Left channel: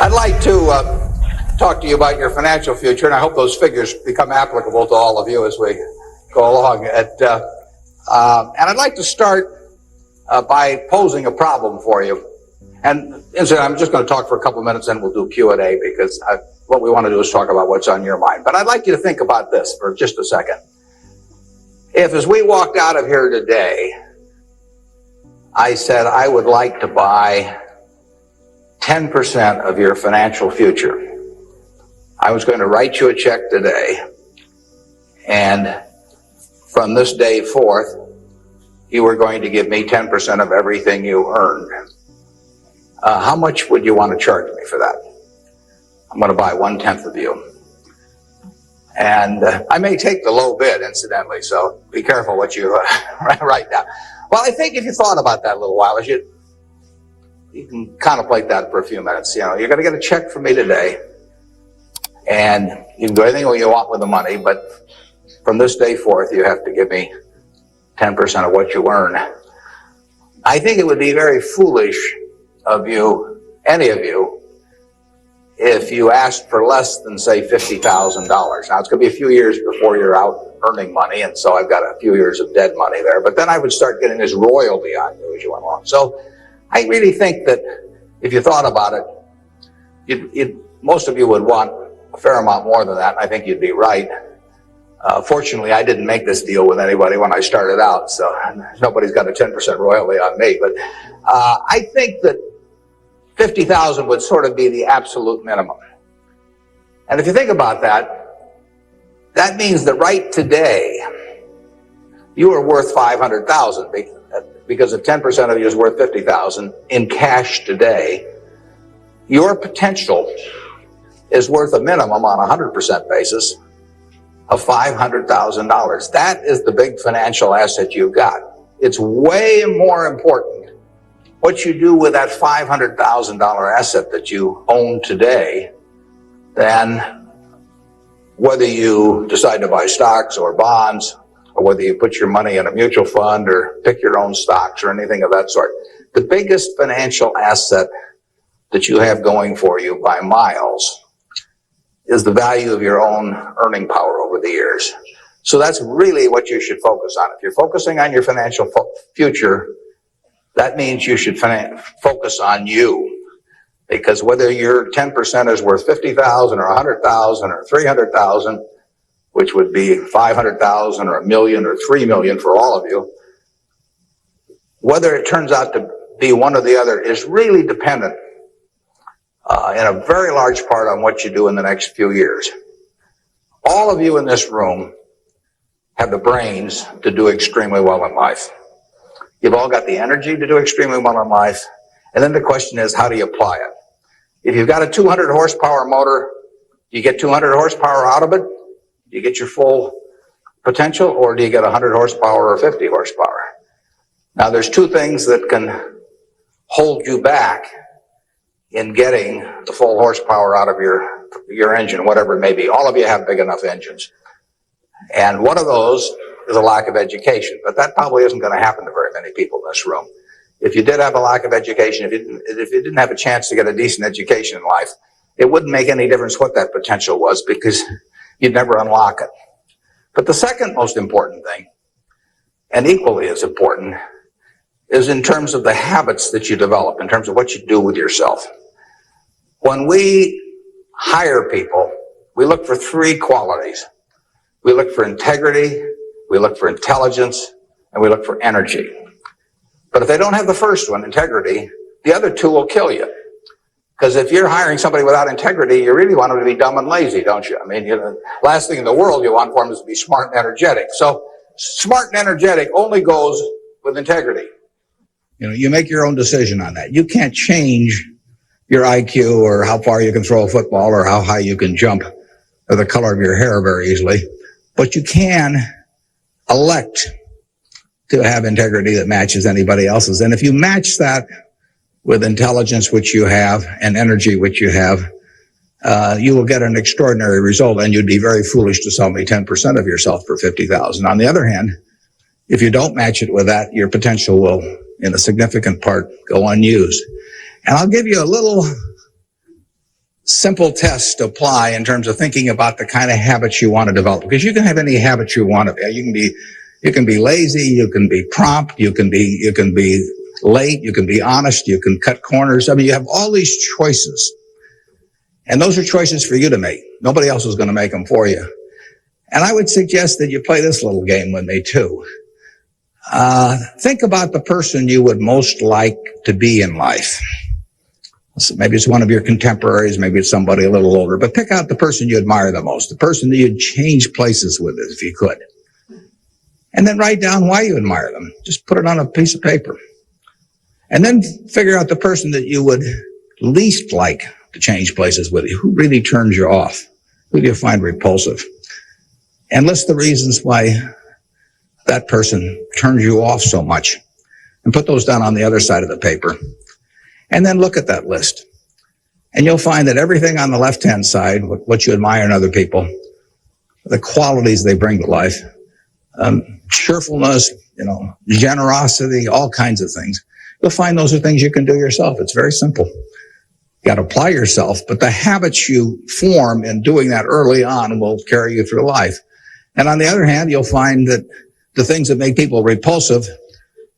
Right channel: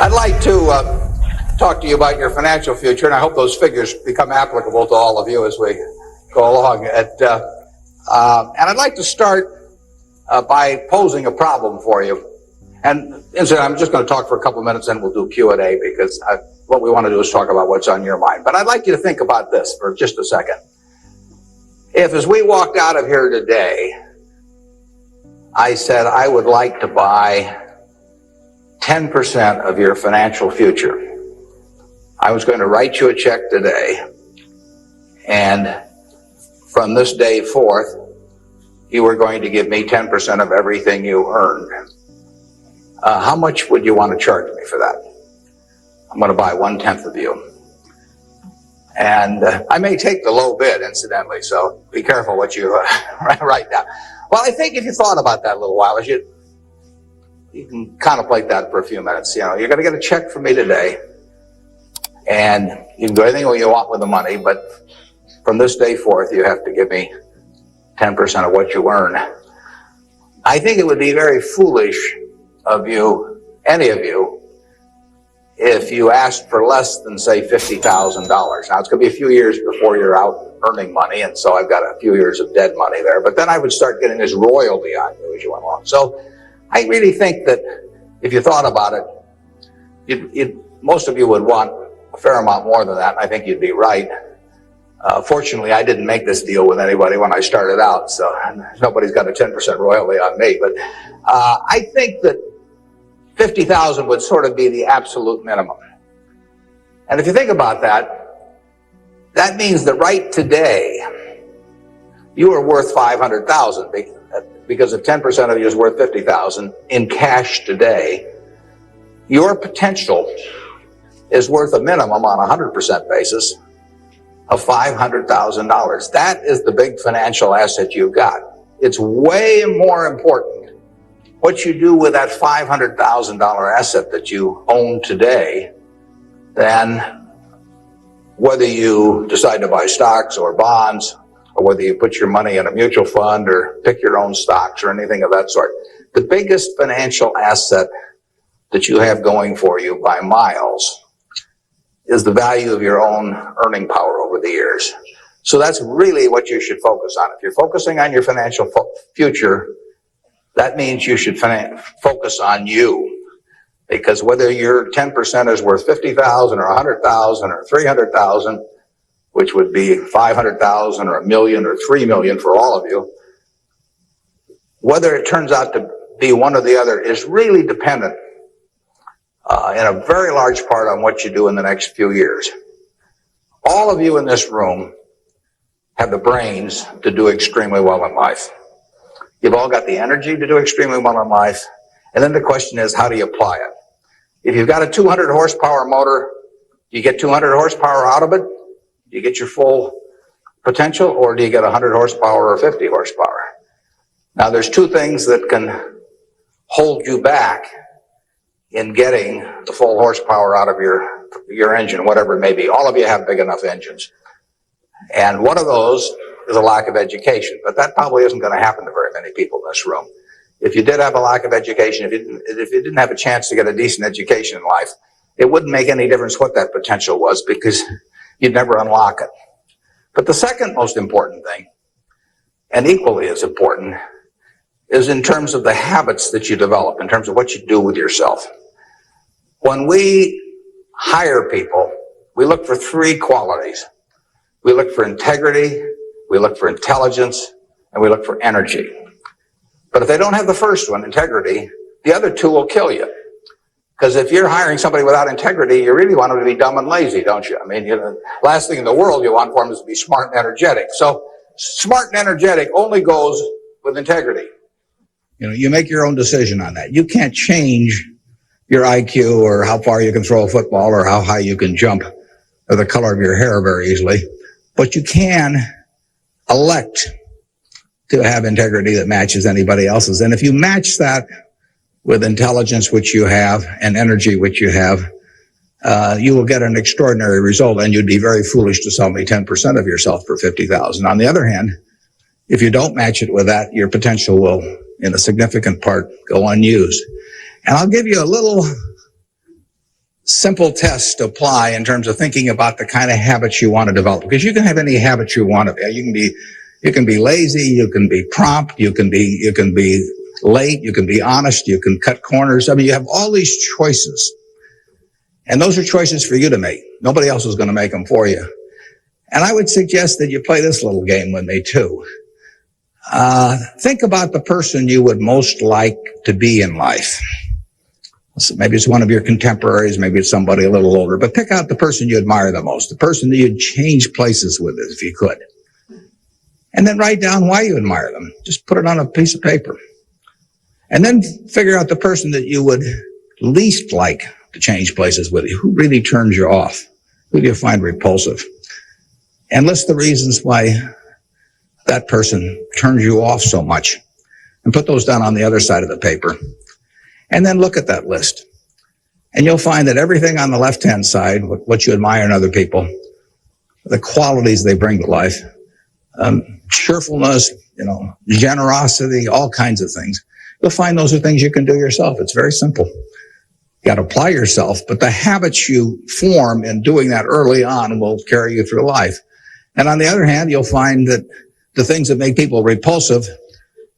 I'd like to talk to you about your financial future, and I hope those figures become applicable to all of you as we go along. And I'd like to start by posing a problem for you. And so I'm just going to talk for a couple minutes, and we'll do Q&A because what we want to do is talk about what's on your mind. But I'd like you to think about this for just a second. If, as we walked out of here today, I said I would like to buy 10% of your financial future, I was going to write you a check today, and from this day forth, you were going to give me 10% of everything you earned. How much would you want to charge me for that? I'm going to buy 1/10 of you. And I may take the low bid, incidentally, so be careful what you write down. Well, I think if you thought about that a little while, you can contemplate that for a few minutes. You know, you're going to get a check from me today, and you can do anything you want with the money, but from this day forth, you have to give me 10% of what you earn. I think it would be very foolish of you, any of you, if you asked for less than, say, $50,000. Now, it's going to be a few years before you're out earning money, and so I've got a few years of dead money there, but then I would start getting this royalty on you as you went on. So I really think that if you thought about it, most of you would want a fair amount more than that. I think you'd be right. Fortunately, I didn't make this deal with anybody when I started out, so nobody's got a 10% royalty on me. But I think that 50,000 would sort of be the absolute minimum. And if you think about that, that means that right today, you are worth 500,000 because if 10% of you is worth 50,000 in cash today, your potential is worth a minimum on a 100% basis of $500,000. That is the big financial asset you've got. It's way more important what you do with that $500,000 asset that you own today than whether you decide to buy stocks or bonds, or whether you put your money in a mutual fund or pick your own stocks or anything of that sort. The biggest financial asset that you have going for you by miles is the value of your own earning power over the years. So that's really what you should focus on. If you're focusing on your financial future, that means you should focus on you. Because whether your 10% is worth 50,000 or 100,000 or 300,000, which would be 500,000 or a million or 3 million for all of you, whether it turns out to be one or the other is really dependent in a very large part on what you do in the next few years. All of you in this room have the brains to do extremely well in life. You've all got the energy to do extremely well in life. And then the question is, how do you apply it? If you've got a 200 horsepower motor, do you get 200 horsepower out of it? Do you get your full potential, or do you get 100 horsepower or 50 horsepower? Now, there's two things that can hold you back in getting the full horsepower out of your engine, whatever it may be. All of you have big enough engines. And one of those is a lack of education. But that probably isn't going to happen to very many people in this room. If you did have a lack of education, if you didn't have a chance to get a decent education in life, it wouldn't make any difference what that potential was, because you'd never unlock it. But the second most important thing, and equally as important, is in terms of the habits that you develop, in terms of what you do with yourself. When we hire people, we look for three qualities. We look for integrity, we look for intelligence, and we look for energy. But if they don't have the first one, integrity, the other two will kill you. Because if you're hiring somebody without integrity, you really want them to be dumb and lazy, don't you? I mean, last thing in the world you want for them is to be smart and energetic. So smart and energetic only goes with integrity. You make your own decision on that. You can't change your IQ or how far you can throw a football or how high you can jump or the color of your hair very easily. But you can elect to have integrity that matches anybody else's. And if you match that with intelligence, which you have, and energy, which you have, you will get an extraordinary result, and you'd be very foolish to sell me 10% of yourself for $50,000. On the other hand, if you don't match it with that, your potential will, in a significant part, go unused. And I'll give you a little simple tests to apply in terms of thinking about the kind of habits you want to develop. Because you can have any habit you want to be. You can be lazy, you can be prompt, you can be late, you can be honest, you can cut corners. I mean, you have all these choices. And those are choices for you to make. Nobody else is going to make them for you. And I would suggest that you play this little game with me too. Think about the person you would most like to be in life. So maybe it's one of your contemporaries, maybe it's somebody a little older, but pick out the person you admire the most, the person that you'd change places with if you could. And then write down why you admire them. Just put it on a piece of paper. And then figure out the person that you would least like to change places with you. Who really turns you off? Who do you find repulsive? And list the reasons why that person turns you off so much. And put those down on the other side of the paper. And then look at that list. And you'll find that everything on the left-hand side, what you admire in other people, the qualities they bring to life, cheerfulness, generosity, all kinds of things. But then those are things you can do yourself. It's very simple. You got to apply yourself. But the habits you form in doing that early on will carry you through life. And on the other hand, you'll find that the things that make people repulsive,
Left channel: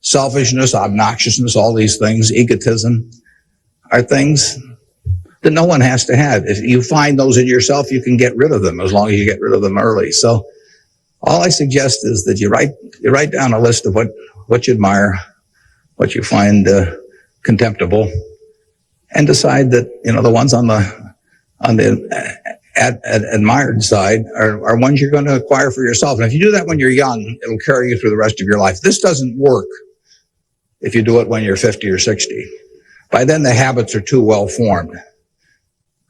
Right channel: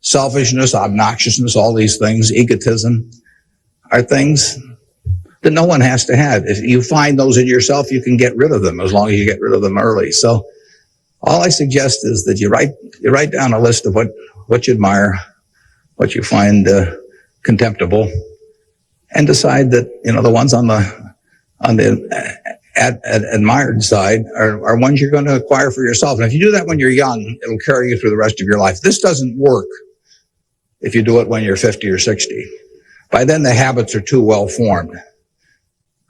selfishness, obnoxiousness, all these things, egotism, are things that no one has to have. If you find those in yourself, you can get rid of them as long as you get rid of them early. So all I suggest is that you write down a list of what you admire, what you find contemptible, and decide that the ones on the admired side are ones you're going to acquire for yourself. And if you do that when you're young, it'll carry you through the rest of your life. This doesn't work if you do it when you're 50 or 60. By then, the habits are too well formed.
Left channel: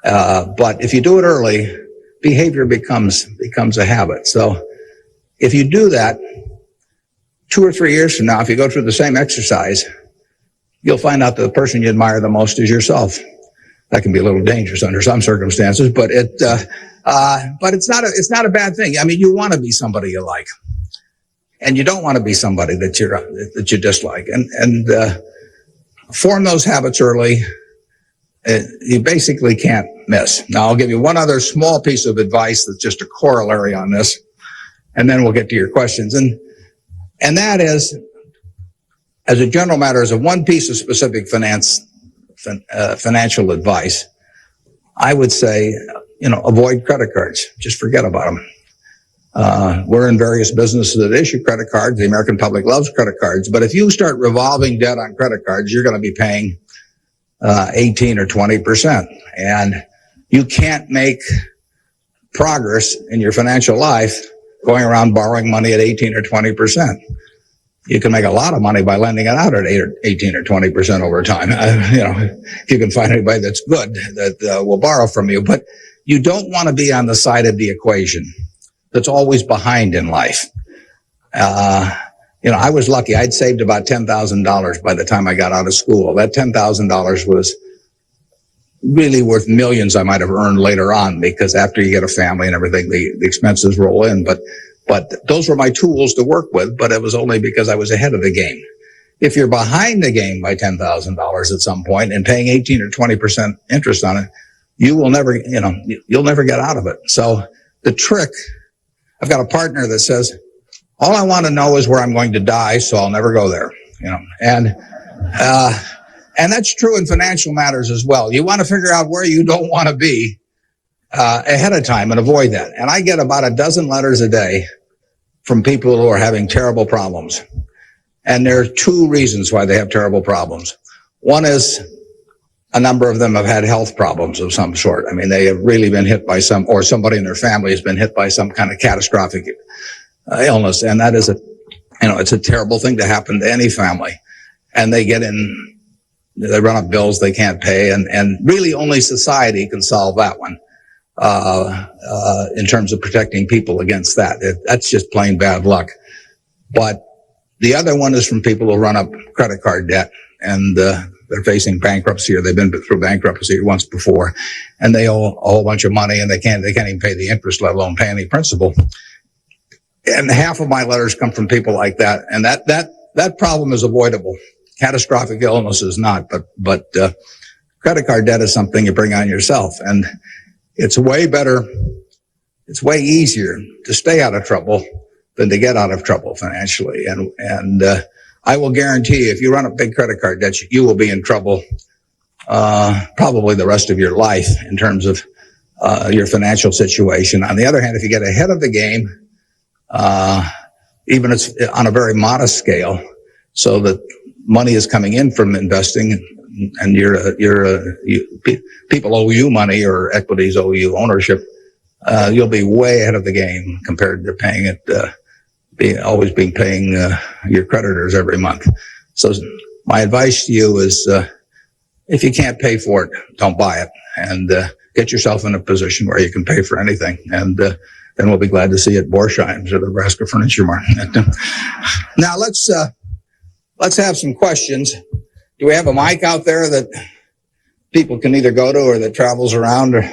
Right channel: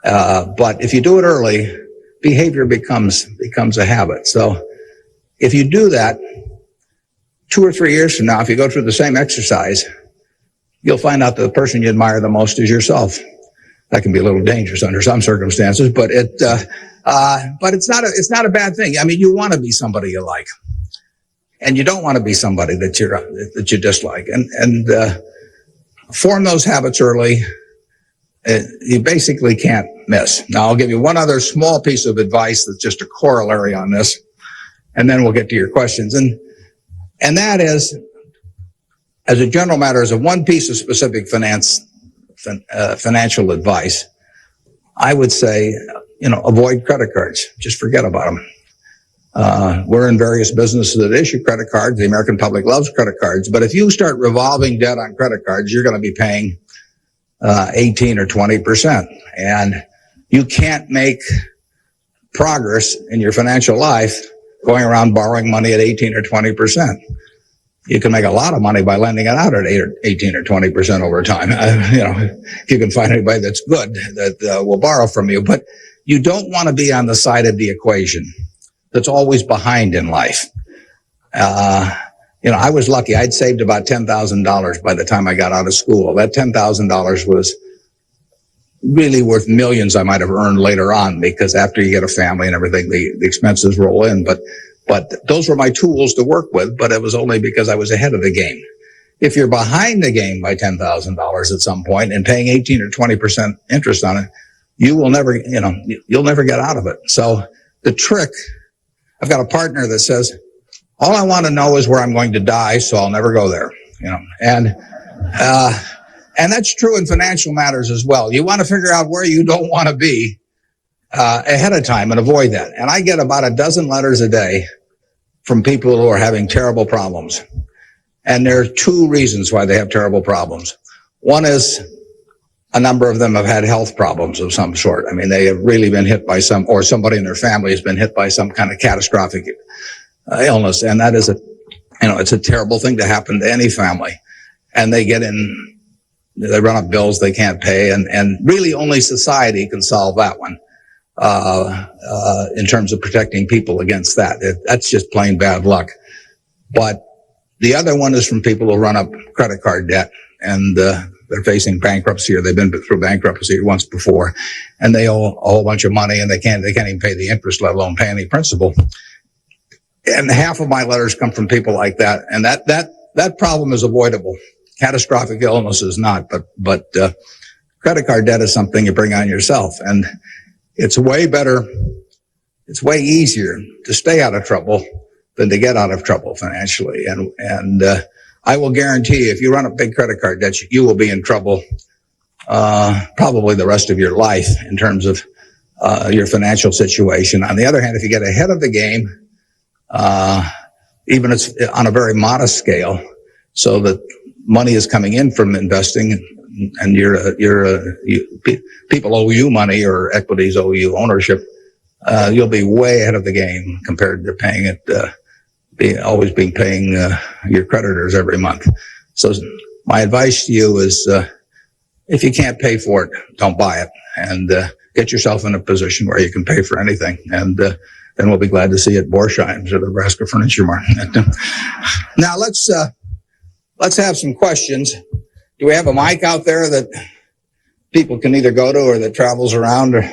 But if you do it early, behavior becomes a habit. So if you do that, 2 or 3 years from now, if you go through the same exercise, you'll find out that the person you admire the most is yourself. That can be a little dangerous under some circumstances, but it's not a bad thing. I mean, you want to be somebody you like, and you don't want to be somebody that you dislike. And form those habits early. You basically can't miss. Now, I'll give you one other small piece of advice that's just a corollary on this, and then we'll get to your questions. And that is, as a general matter, as a one piece of specific financial advice, I would say, avoid credit cards. Just forget about them. We're in various businesses that issue credit cards. The American public loves credit cards. But if you start revolving debt on credit cards, you're going to be paying 18 or 20%. And you can't make progress in your financial life going around borrowing money at 18 or 20%. You can make a lot of money by lending it out at 18 or 20% over time. If you can find anybody that's good that will borrow from you. But you don't want to be on the side of the equation that's always behind in life. I was lucky. I'd saved about $10,000 by the time I got out of school. That $10,000 was really worth millions I might have earned later on, because after you get a family and everything, the expenses roll in. But those were my tools to work with, but it was only because I was ahead of the game. If you're behind the game by $10,000 at some point and paying 18 or 20% interest on it, you will never, you'll never get out of it. So the trick, I've got a partner that says, all I want to know is where I'm going to die, so I'll never go there, and that's true in financial matters as well. You want to figure out where you don't want to be ahead of time and avoid that. And I get about a dozen letters a day from people who are having terrible problems. And there are 2 reasons why they have terrible problems. One is a number of them have had health problems of some sort. I mean, they have really been hit by or somebody in their family has been hit by some kind of catastrophic illness. And that is it's a terrible thing to happen to any family. And they run up bills they can't pay. And really only society can solve that one. In terms of protecting people against that. That's just plain bad luck. But the other one is from people who run up credit card debt and they're facing bankruptcy, or they've been through bankruptcy once before, and they owe a whole bunch of money and they can't even pay the interest, let alone pay any principal. And half of my letters come from people like that, and that problem is avoidable. Catastrophic illness is not, but Credit card debt is something you bring on yourself, and it's way better, it's way easier to stay out of trouble than to get out of trouble financially. And I will guarantee if you run a big credit card debt, you will be in trouble probably the rest of your life in terms of your financial situation. On the other hand, if you get ahead of the game, even if it's on a very modest scale, so that money is coming in from investing, and people owe you money or equities owe you ownership, you'll be way ahead of the game compared to paying it, paying your creditors every month. So my advice to you is, if you can't pay for it, don't buy it, and get yourself in a position where you can pay for anything. And then we'll be glad to see you at Borsheim's or the Nebraska Furniture Market. Now let's have some questions. Do we have a mic out there that people can either go to or that travels around, or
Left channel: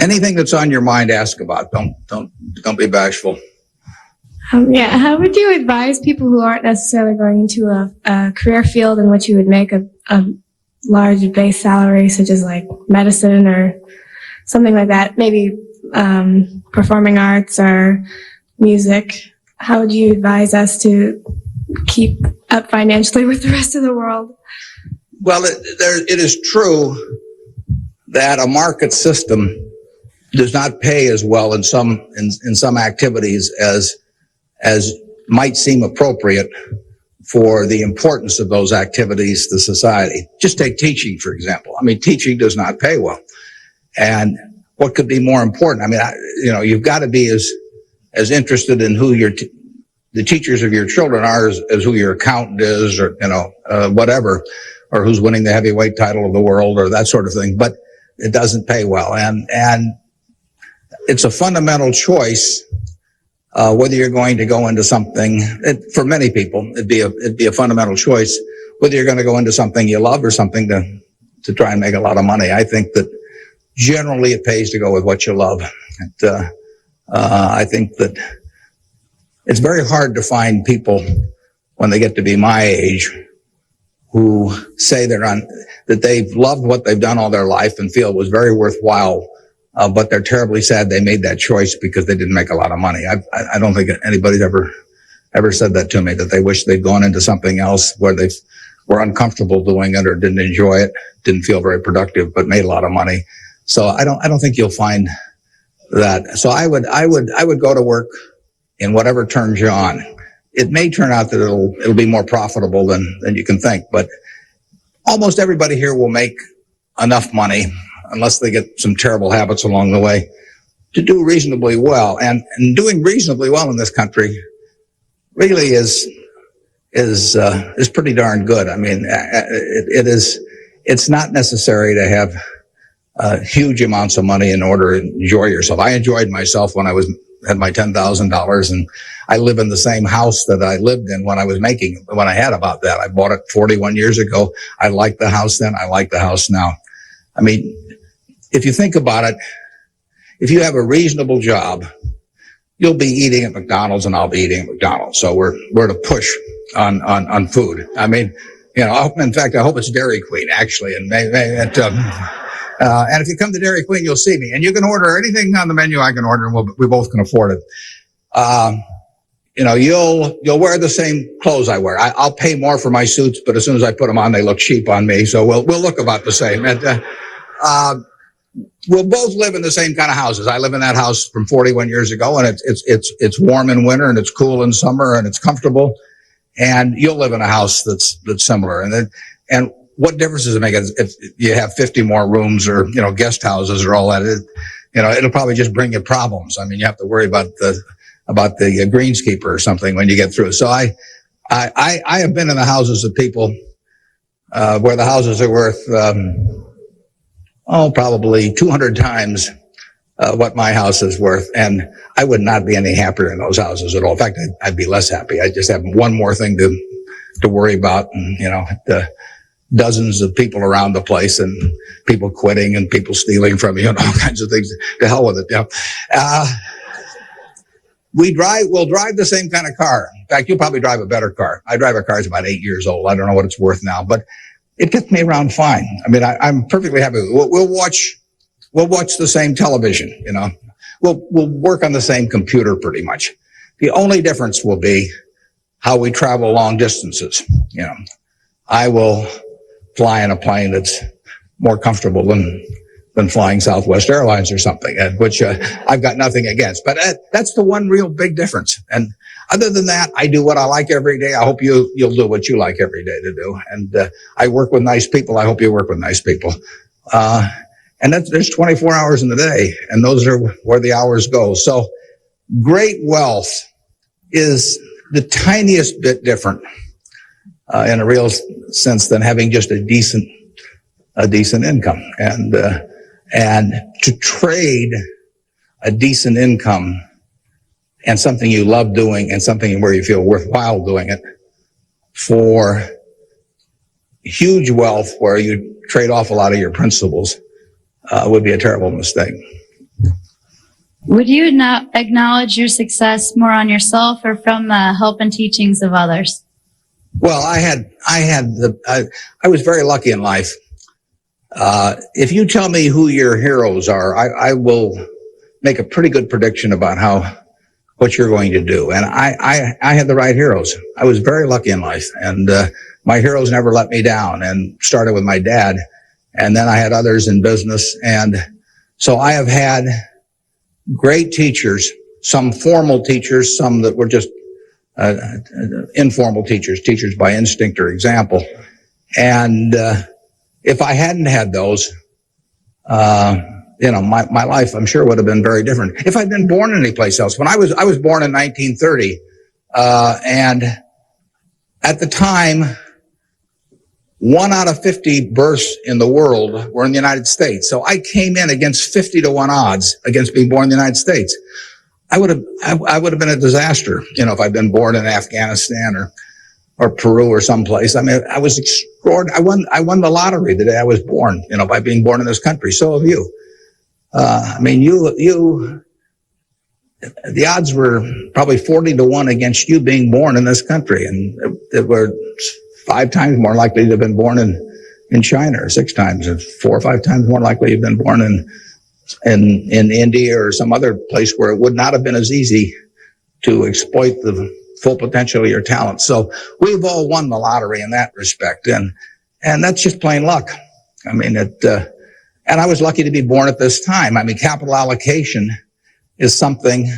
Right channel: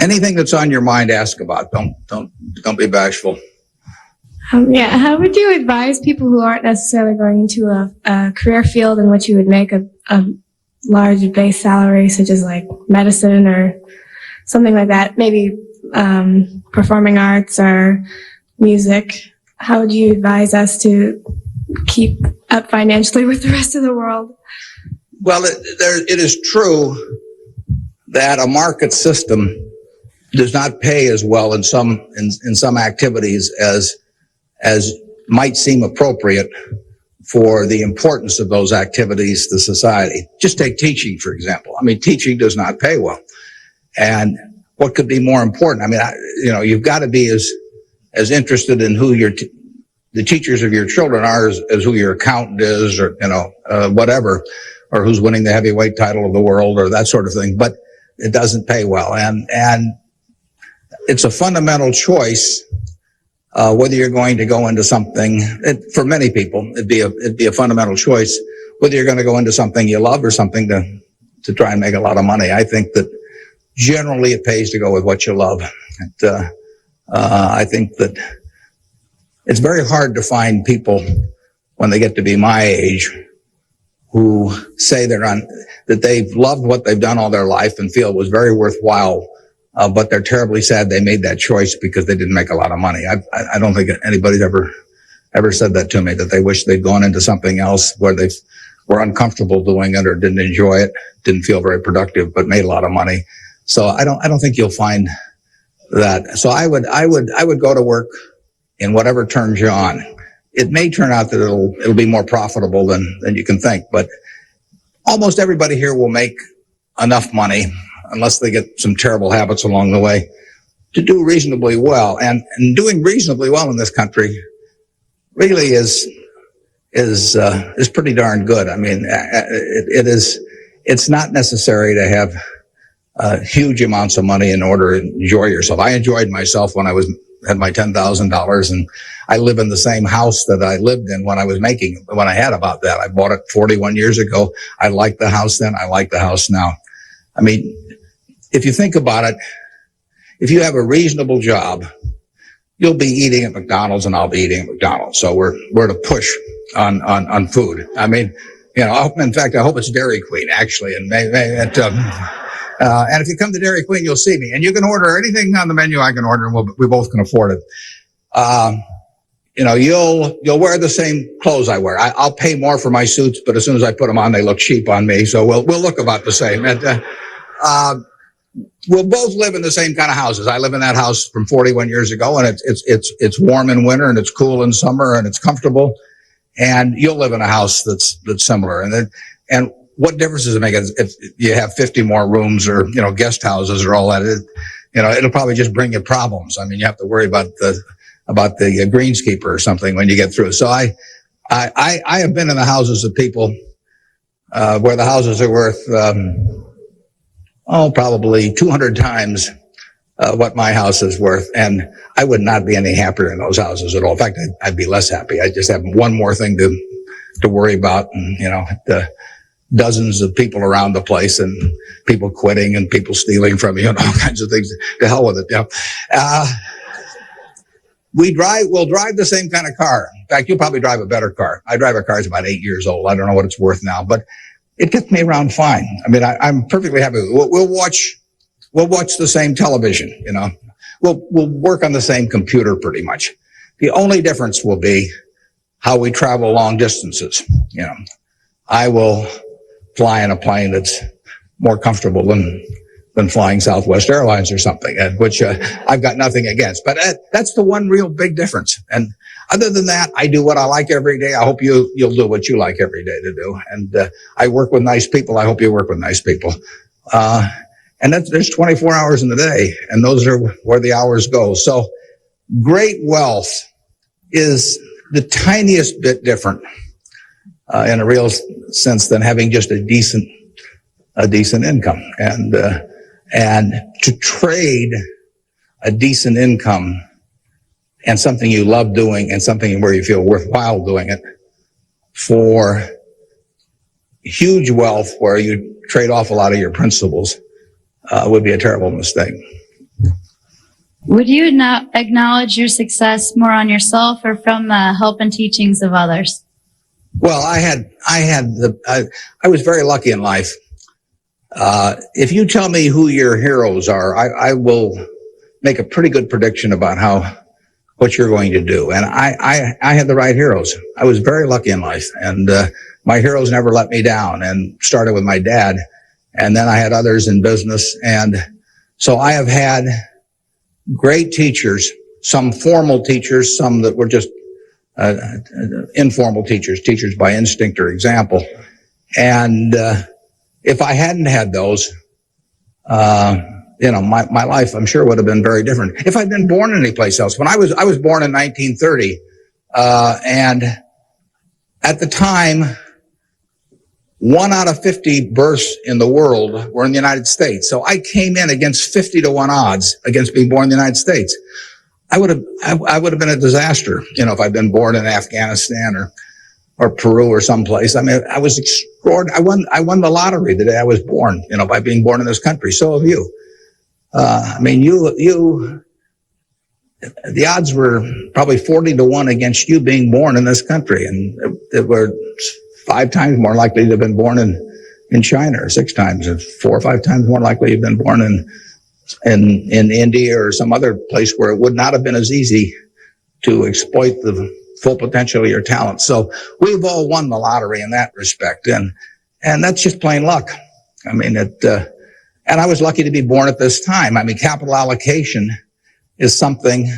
anything that's on your mind? Ask about. Don't be bashful. How would you advise people who aren't necessarily going into a career field in which you would make a large base salary, such as like medicine or something like that, maybe performing arts or music? How would you advise us to keep up financially with the rest of the world? Well, it is true that a market system does not pay as well in some activities as might seem appropriate for the importance of those activities to society. Just take teaching, for example. I mean, teaching does not pay well. And what could be more important? I mean, you've got to be as interested in who the teachers of your children are as who your accountant is, or, whatever, or who's winning the heavyweight title of the world, or that sort of thing. But it doesn't pay well. And it's a fundamental choice, whether you're going to go into something. For many people, it'd be a fundamental choice whether you're going to go into something you love or something to try and make a lot of money. I think that generally it pays to go with what you love. I think that it's very hard to find people when they get to be my age who say that they've loved what they've done all their life and feel it was very worthwhile. But they're terribly sad they made that choice because they didn't make a lot of money. I don't think anybody's ever said that to me, that they wish they'd gone into something else where they were uncomfortable doing it or didn't enjoy it, didn't feel very productive, but made a lot of money. So I don't think you'll find that. So I would go to work in whatever turns you on. It may turn out that it'll be more profitable than you can think, but almost everybody here will make enough money, unless they get some terrible habits along the way, to do reasonably well. And doing reasonably well in this country really is pretty darn good. I mean, it's not necessary to have huge amounts of money in order to enjoy yourself. I enjoyed myself when I had my $10,000, and I live in the same house that I lived in when I had about that. I bought it 41 years ago. I liked the house then. I like the house now. I mean, if you think about it, if you have a reasonable job, you'll be eating at McDonald's and I'll be eating at McDonald's. So we're at a push on food. I mean, in fact, I hope it's Dairy Queen, actually. And and if you come to Dairy Queen, you'll see me. And you can order anything on the menu I can order, and we both can afford it. You'll wear the same clothes I wear. I'll pay more for my suits, but as soon as I put them on, they look cheap on me. So we'll look about the same. And we'll both live in the same kind of houses. I live in that house from 41 years ago, and it's warm in winter and it's cool in summer and it's comfortable. And you'll live in a house that's similar. And what difference does it make if you have 50 more rooms or guest houses or all that? It'll probably just bring you problems. I mean, you have to worry about the greenskeeper or something when you get through. So I have been in the houses of people where the houses are worth probably 200 times what my house is worth, and I would not be any happier in those houses at all. In fact, I'd be less happy. I just have one more thing to worry about, and dozens of people around the place, and people quitting, and people stealing from you, and all kinds of things. To hell with it. We'll drive the same kind of car. In fact, you'll probably drive a better car. I drive a car that's about 8 years old. I don't know what it's worth now, but it took me around fine. I mean, I'm perfectly happy. We'll watch the same television, you know. We'll work on the same computer pretty much. The only difference will be how we travel long distances. You know, I will fly in a plane that's more comfortable than flying Southwest Airlines or something, which I've got nothing against. But that's the one real big difference. And other than that, I do what I like every day. I hope you'll do what you like every day to do. And I work with nice people. I hope you work with nice people. And there's 24 hours in the day, and those are where the hours go. So great wealth is the tiniest bit different in a real sense than having just a decent income. And to trade a decent income and something you love doing and something where you feel worthwhile doing it for huge wealth where you trade off a lot of your principles would be a terrible mistake. Would you not acknowledge your success more on yourself or from the help and teachings of others? Well, I was very lucky in life. If you tell me who your heroes are, I will make a pretty good prediction about what you're going to do. And I had the right heroes. I was very lucky in life, and my heroes never let me down. And started with my dad, and then I had others in business, and so I have had great teachers, some formal teachers, some that were just informal teachers by instinct or example. And if I hadn't had those, my life, I'm sure, would have been very different. If I'd been born any place else, when I was born in 1930, and at the time, 1 out of 50 births in the world were in the United States. So I came in against 50-1 odds against being born in the United States. I would have been a disaster, if I'd been born in Afghanistan or Peru or someplace. I mean, I was extraordinary. I won the lottery the day I was born, by being born in this country. So have you. The odds were probably 40-1 against you being born in this country, and it were 5 times more likely to have been born in China, or 6 times, or 4 or 5 times more likely to have been born in India or some other place where it would not have been as easy to exploit the full potential of your talent. So we've all won the lottery in that respect, and that's just plain luck. I mean, and I was lucky to be born at this time. I mean, capital allocation is something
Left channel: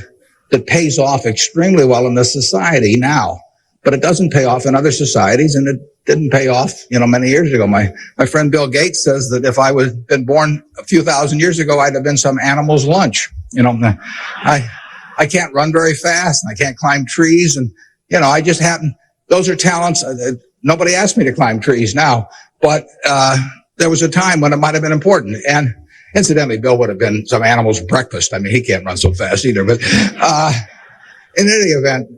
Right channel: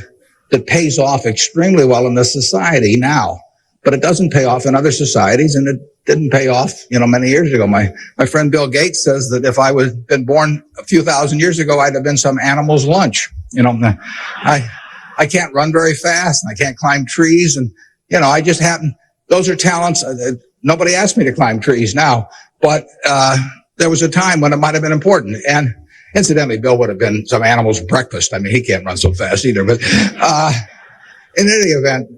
that pays off extremely well in this society now, but it doesn't pay off in other societies, and it didn't pay off, many years ago. My friend Bill Gates says that if I was been born a few thousand years ago, I'd have been some animal's lunch. I can't run very fast, and I can't climb trees, and I just happen. Those are talents. Nobody asked me to climb trees now, but there was a time when it might have been important. And incidentally, Bill would have been some animal's breakfast. I mean, he can't run so fast either. But in any event,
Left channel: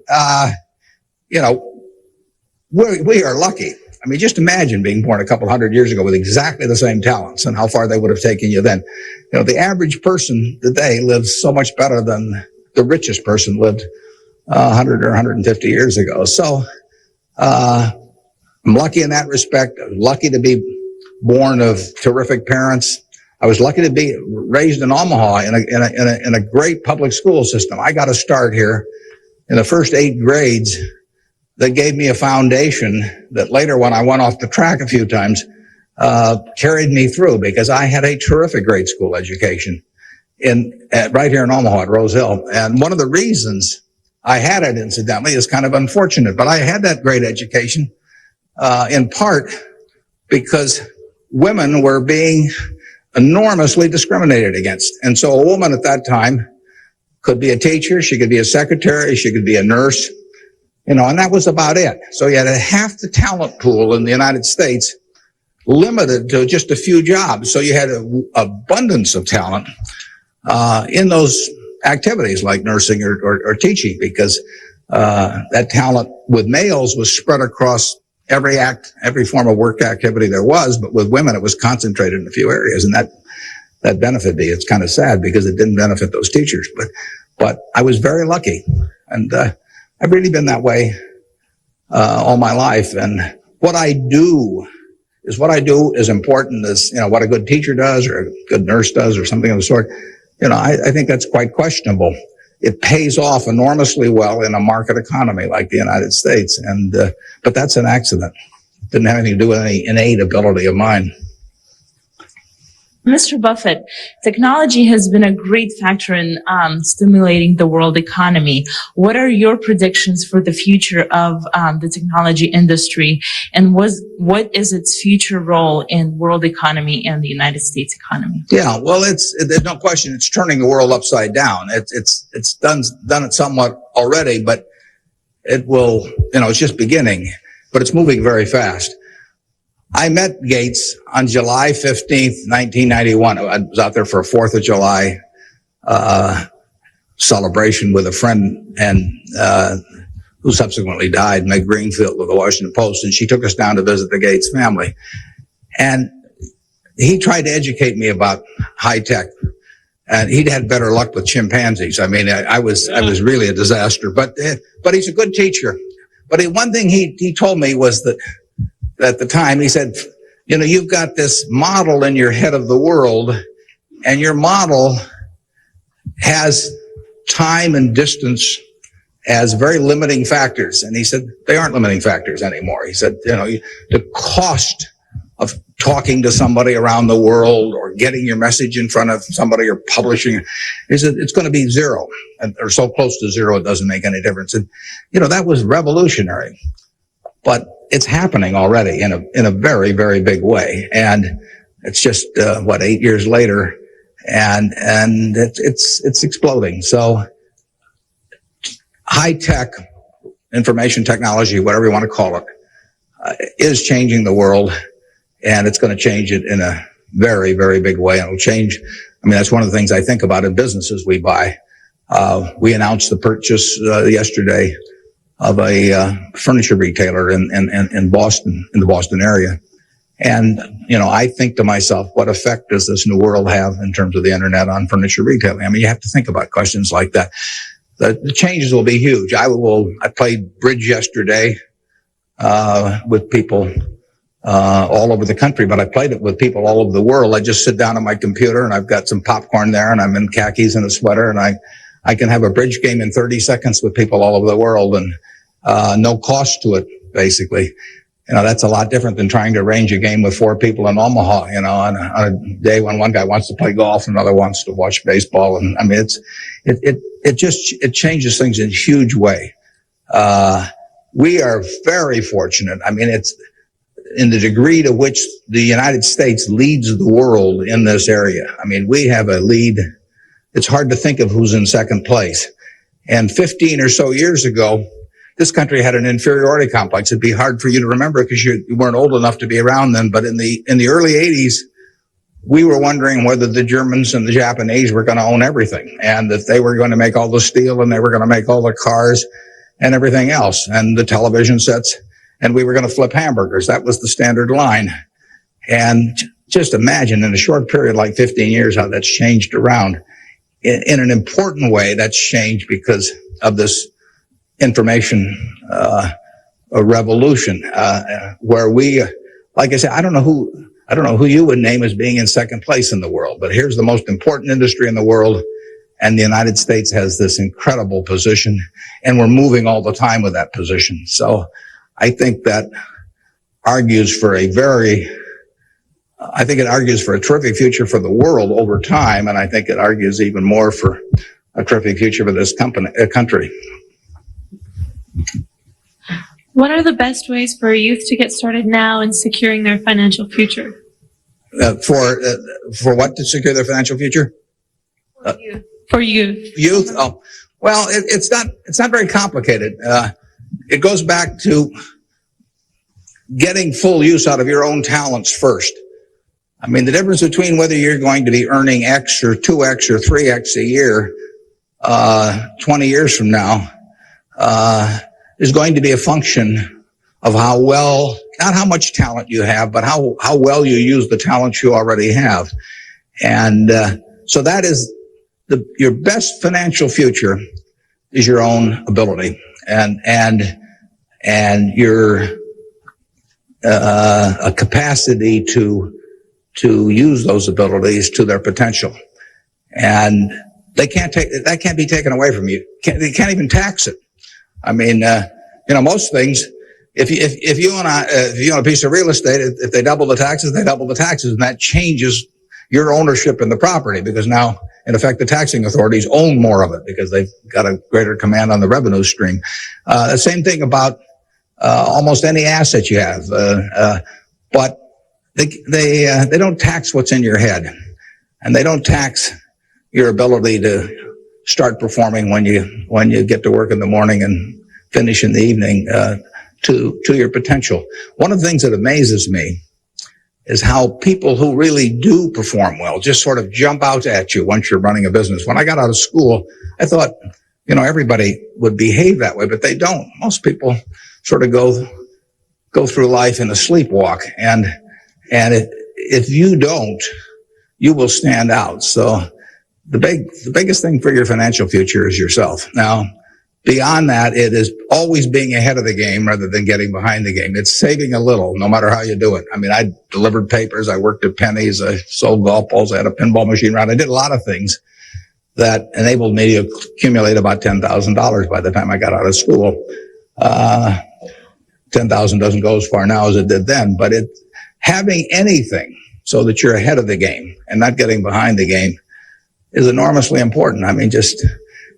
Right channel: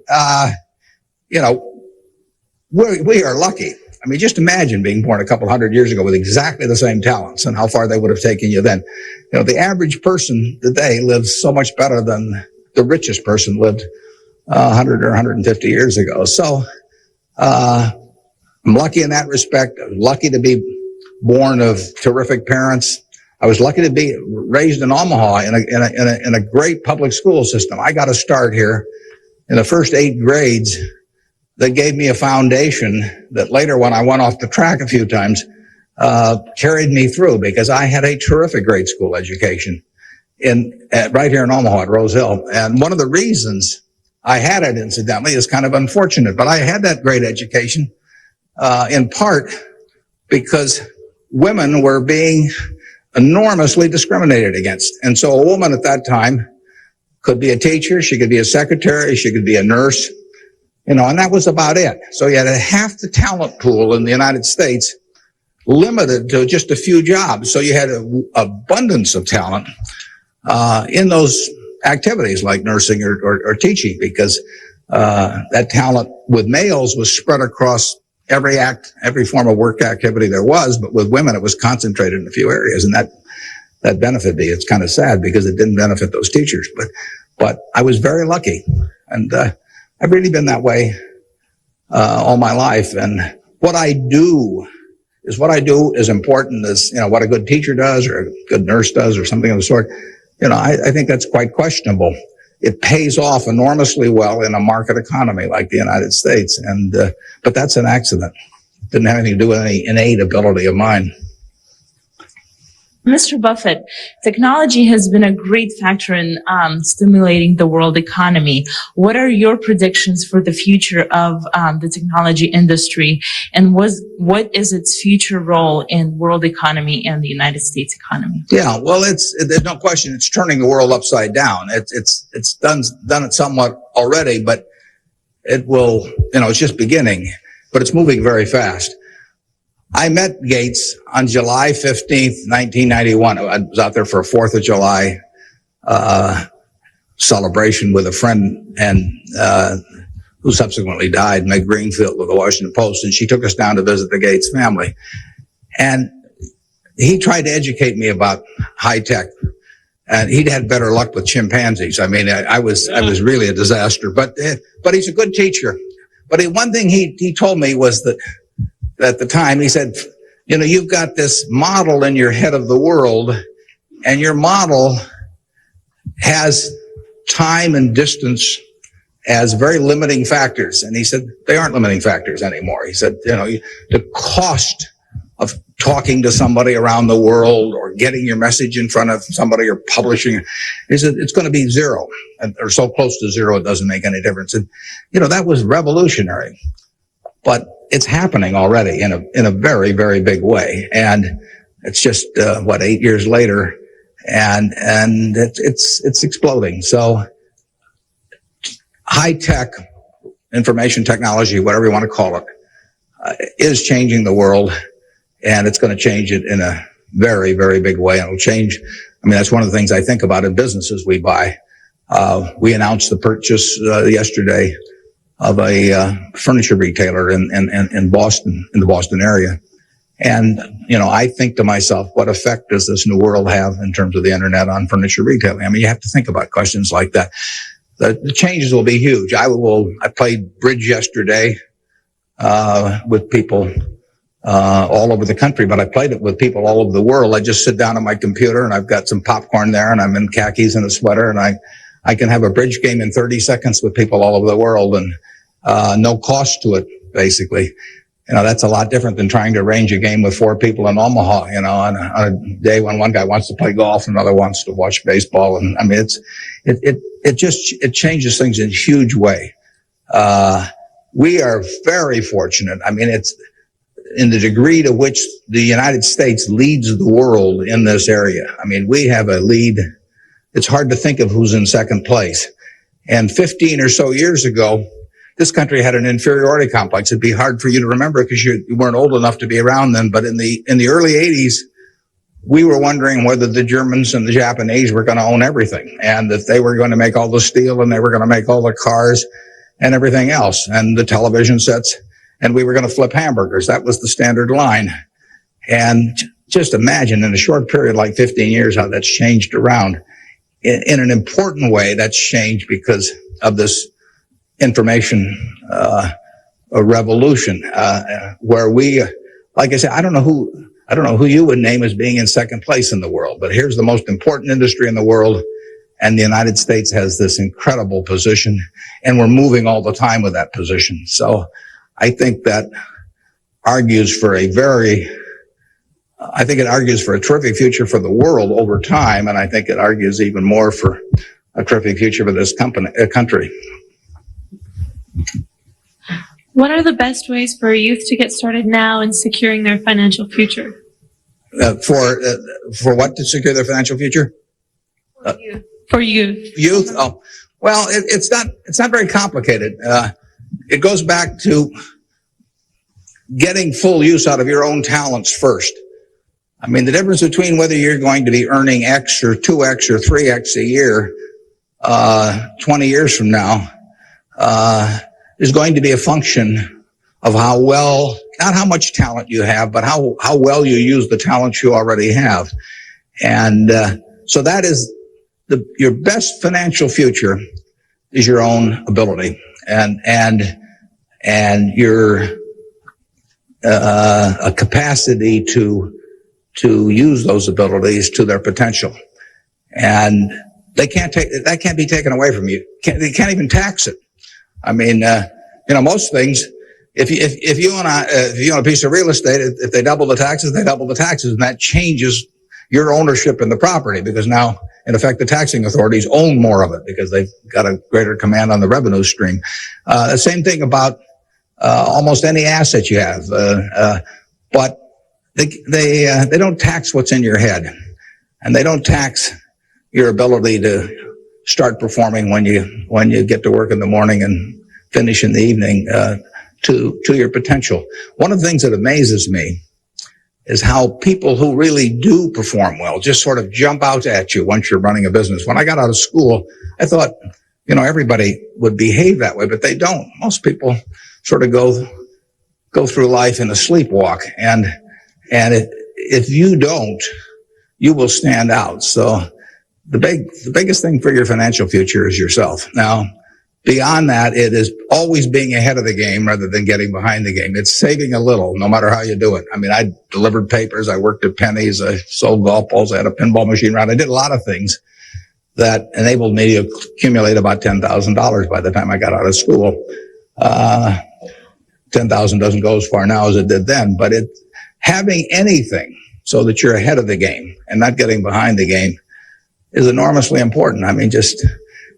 we are lucky. I mean, just imagine being born a couple hundred years ago with exactly the same talents and how far they would have taken you then. The average person today lives so much better than the richest person lived 100 or 150 years ago. So I'm lucky in that respect. I'm lucky to be born of terrific parents. I was lucky to be raised in Omaha in a great public school system. I got a start here in the first 8 grades that gave me a foundation that later, when I went off the track a few times, carried me through, because I had a terrific grade school education right here in Omaha at Rose Hill. And one of the reasons I had it, incidentally, is kind of unfortunate, but I had that great education in part because women were being enormously discriminated against. And so a woman at that time could be a teacher, she could be a secretary, she could be a nurse, and that was about it. So you had half the talent pool in the United States limited to just a few jobs. So you had an abundance of talent in those activities like nursing or teaching, because that talent with males was spread across every form of work activity there was, but with women it was concentrated in a few areas, and that benefited me. It's kind of sad because it didn't benefit those teachers, but I was very lucky, and I've really been that way all my life. And what I do is what I do as important as, what a good teacher does or a good nurse does or something of the sort? I think that's quite questionable. It pays off enormously well in a market economy like the United States, but that's an accident. It didn't have anything to do with any innate ability of mine. Mr. Buffett, technology has been a great factor in stimulating the world economy. What are your predictions for the future of the technology industry, and what is its future role in world economy and the United States economy? Yeah, well, there's no question. It's turning the world upside down. It's done it somewhat already, but it will. It's just beginning, but it's moving very fast. I met Gates on July 15th, 1991. I was out there for a 4th of July celebration with a friend and who subsequently died, Meg Greenfield of the Washington Post, and she took us down to visit the Gates family. And he tried to educate me about high tech, and he'd had better luck with chimpanzees. I mean, I was really a disaster, but he's a good teacher. But one thing he told me was that at the time, he said, you've got this model in your head of the world, and your model has time and distance as very limiting factors. And he said, they aren't limiting factors anymore. He said, the cost of talking to somebody around the world or getting your message in front of somebody or publishing, he said, it's going to be zero, or so close to zero it doesn't make any difference. And, that was revolutionary. But it's happening already in a very, very big way. And it's just, 8 years later, and it's exploding. So high tech, information technology, whatever you want to call it, is changing the world, and it's going to change it in a very, very big way. It'll change. That's one of the things I think about in businesses we buy. We announced the purchase yesterday of a furniture retailer in Boston, in the Boston area. And, I think to myself, what effect does this new world have in terms of the internet on furniture retailing? You have to think about questions like that. The changes will be huge. I played bridge yesterday, with people, all over the country, but I played it with people all over the world. I just sit down on my computer and I've got some popcorn there and I'm in khakis and a sweater, and I can have a bridge game in 30 seconds with people all over the world, and no cost to it, basically. That's a lot different than trying to arrange a game with 4 people in Omaha, on a day when one guy wants to play golf, another wants to watch baseball. And it changes things in a huge way. We are very fortunate. It's in the degree to which the United States leads the world in this area. We have a lead. It's hard to think of who's in second place. And 15 or so years ago, this country had an inferiority complex. It'd be hard for you to remember because you weren't old enough to be around then. But in the early 80s, we were wondering whether the Germans and the Japanese were going to own everything, and that they were going to make all the steel and they were going to make all the cars and everything else, and the television sets, and we were going to flip hamburgers. That was the standard line. And just imagine in a short period like 15 years how that's changed around. In an important way, that's changed because of this information revolution, where we, like I said, I don't know who you would name as being in second place in the world, but here's the most important industry in the world. The United States has this incredible position, and we're moving all the time with that position. So I think that argues for it argues for a terrific future for the world over time, and I think it argues even more for a terrific future for this country. What are the best ways for youth to get started now in securing their financial future? For what, to secure their financial future? For youth. Youth? Oh, well, it's not very complicated. It goes back to getting full use out of your own talents first. The difference between whether you're going to be earning X or 2X or 3X a year 20 years from now is going to be a function of how well, not how much talent you have, but how well you use the talents you already have. And so that is your best financial future is your own ability and your a capacity to use those abilities to their potential. And that can't be taken away from you. They can't even tax it. I mean, most things, if you own a piece of real estate, if they double the taxes, they double the taxes, and that changes your ownership in the property, because now, in effect, the taxing authorities own more of it because they've got a greater command on the revenue stream. The same thing about almost any asset you have, but they don't tax what's in your head, and they don't tax your ability to start performing when you get to work in the morning and finish in the evening to your potential. One of the things that amazes me is how people who really do perform well just sort of jump out at you once you're running a business. When I got out of school, I thought, everybody would behave that way, but they don't. Most people sort of go through life in a sleepwalk, and if you don't, you will stand out. So the biggest thing for your financial future is yourself. Now, beyond that, it is always being ahead of the game rather than getting behind the game. It's saving a little, no matter how you do it. I mean, I delivered papers, I worked at Penny's, I sold golf balls, I had a pinball machine around. I did a lot of things that enabled me to accumulate about $10,000 by the time I got out of school. 10,000 doesn't go as far now as it did then, but having anything so that you're ahead of the game and not getting behind the game is enormously important. I mean, just,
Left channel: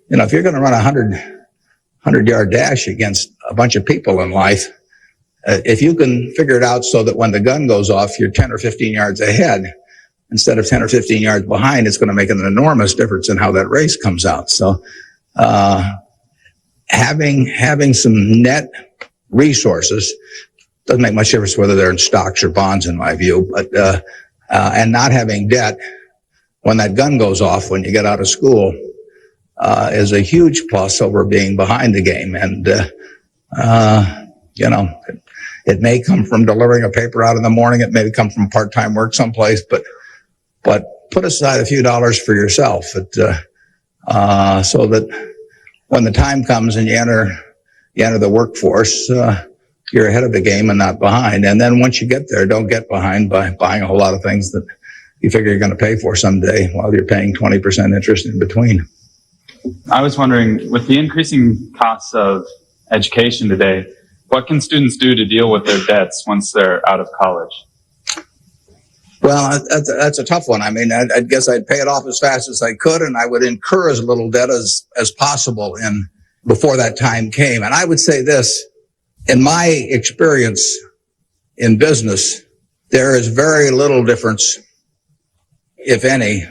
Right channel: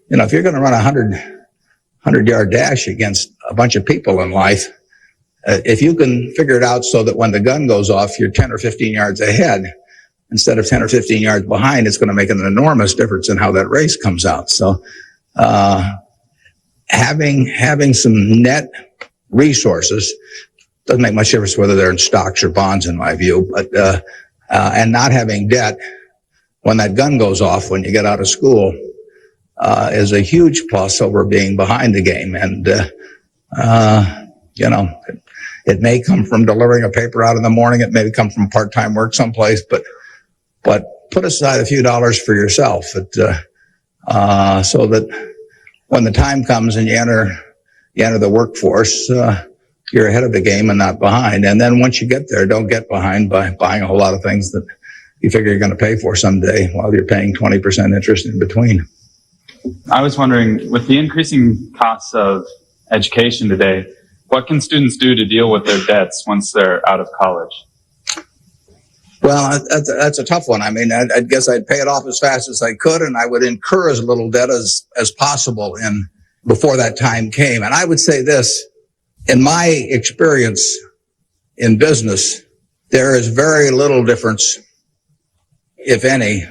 if you're going to run a 100-yard dash against a bunch of people in life, if you can figure it out so that when the gun goes off, you're 10 or 15 yards ahead instead of 10 or 15 yards behind, it's going to make an enormous difference in how that race comes out. So, having some net resources doesn't make much difference whether they're in stocks or bonds, in my view, but, and not having debt when that gun goes off when you get out of school, is a huge plus over being behind the game. And, it may come from delivering a paper out in the morning. It may come from part-time work someplace, but put aside a few dollars for yourself, so that when the time comes and you enter the workforce, you're ahead of the game and not behind. And then once you get there, don't get behind by buying a whole lot of things that you figure you're going to pay for someday while you're paying 20% interest in between. I was wondering, with the increasing costs of education today, what can students do to deal with their debts once they're out of college? Well, that's a tough one. I mean, I guess I'd pay it off as fast as I could, and I would incur as little debt as possible before that time came. And I would say this, in my experience in business, there is very little difference, if any,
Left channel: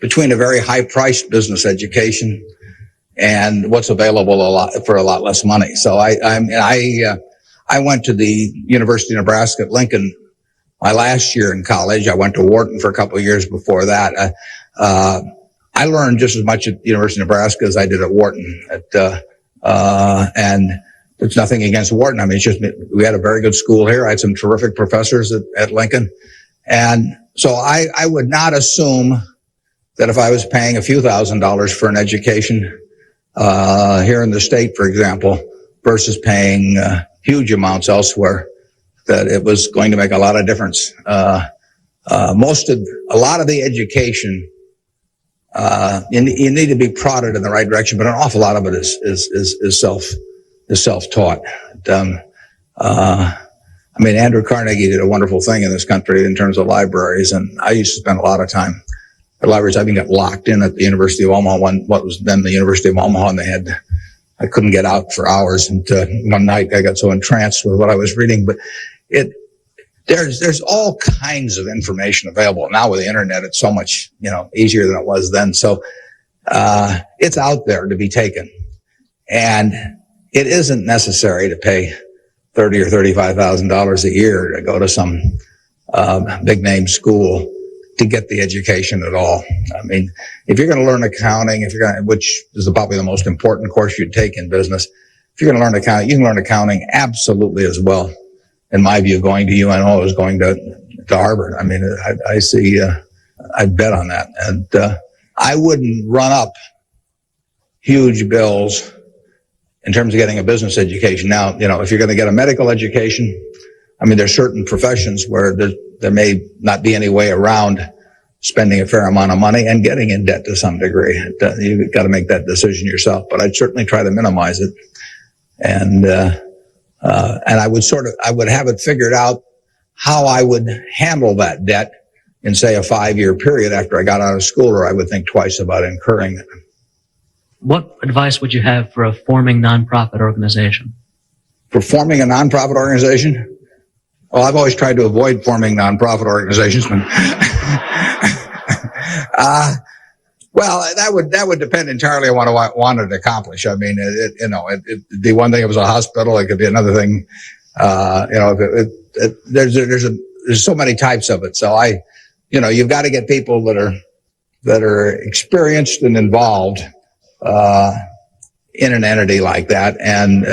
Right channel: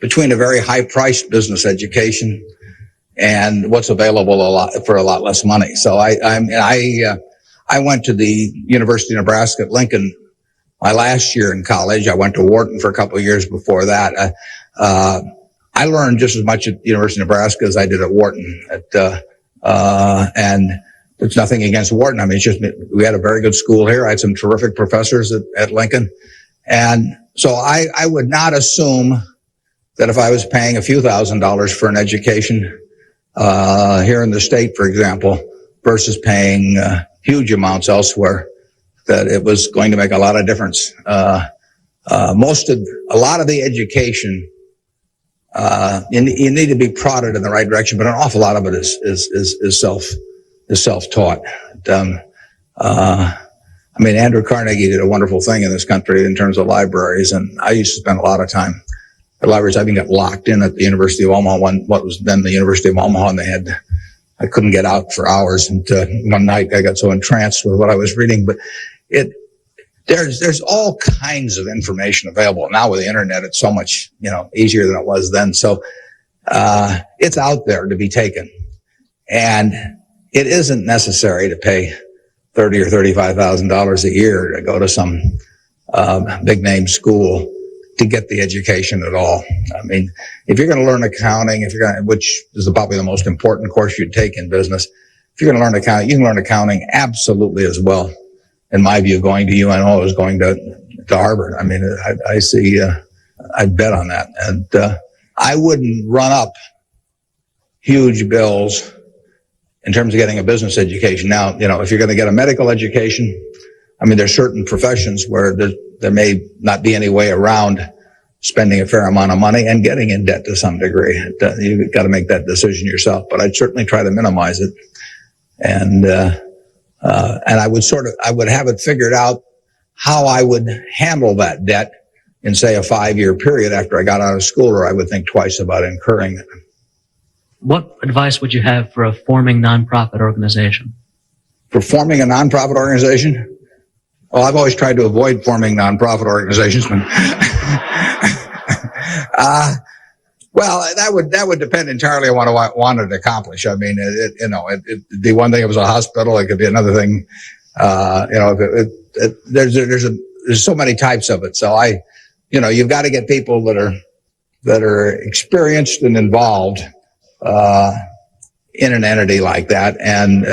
between a very high-priced business education and what's available for a lot less money. So I went to the University of Nebraska at Lincoln my last year in college. I went to Wharton for a couple of years before that. I learned just as much at the University of Nebraska as I did at Wharton. And it's nothing against Wharton. I mean, it's just we had a very good school here. I had some terrific professors at Lincoln. And so I would not assume that if I was paying a few $1,000s for an education here in the state, for example, versus paying huge amounts elsewhere, that it was going to make a lot of difference. A lot of the education, you need to be prodded in the right direction, but an awful lot of it is self-taught. I mean, Andrew Carnegie did a wonderful thing in this country in terms of libraries, and I used to spend a lot of time at libraries. I even got locked in at the University of Omaha, what was then the University of Omaha, and I couldn't get out for hours. And one night I got so entranced with what I was reading. But there's all kinds of information available now with the internet. It's so much easier than it was then. So it's out there to be taken, and it isn't necessary to pay $30,000 or $35,000 a year to go to some big name school to get the education at all. I mean, if you're going to learn accounting, which is probably the most important course you'd take in business, if you're going to learn accounting, you can learn accounting absolutely as well, in my view, going to UNO as going to Harvard. I mean, I see, I'd bet on that. And I wouldn't run up huge bills in terms of getting a business education. Now, if you're going to get a medical education, I mean, there's certain professions where there may not be any way around spending a fair amount of money and getting in debt to some degree. You've got to make that decision yourself, but I'd certainly try to minimize it. And I would have it figured out how I would handle that debt in, say, a 5-year period after I got out of school, or I would think twice about incurring it. What advice would you have for a forming nonprofit organization? For forming a nonprofit organization? Well, I've always tried to avoid forming nonprofit organizations. Well, that would depend entirely on what I wanted to accomplish. I mean, it'd be one thing if it was a hospital. It could be another thing. There's so many types of it. So you've got to get people that are experienced and involved in an entity like that. And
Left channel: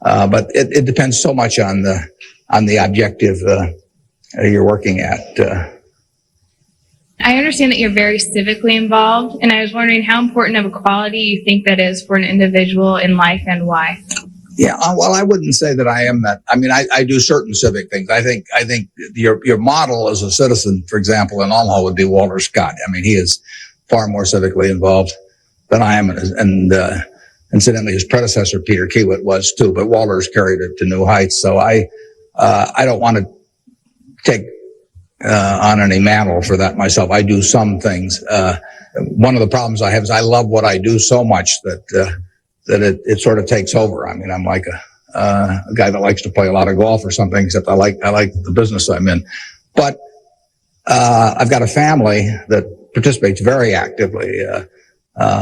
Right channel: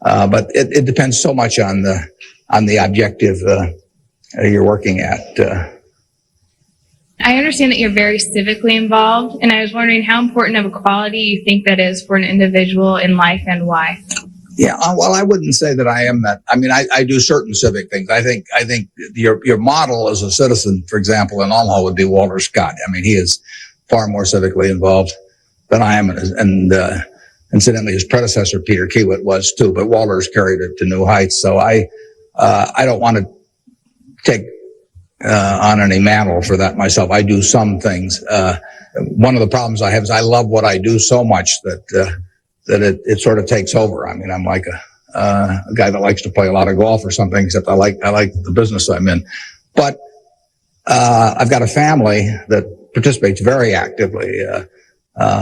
but it depends so much on the objective you're working at. I understand that you're very civically involved, and I was wondering how important of a quality you think that is for an individual in life and why. Yeah, well, I wouldn't say that I am that. I mean, I do certain civic things. I think your model as a citizen, for example, in Omaha would be Walter Scott. I mean, he is far more civically involved than I am, and incidentally, his predecessor, Pierre Kaywood, was too, but Walter's carried it to new heights. So I don't want to take on any mantle for that myself. I do some things. One of the problems I have is I love what I do so much that it sort of takes over. I mean, I'm like a guy that likes to play a lot of golf or something, except I like the business I'm in. But I've got a family that participates very actively.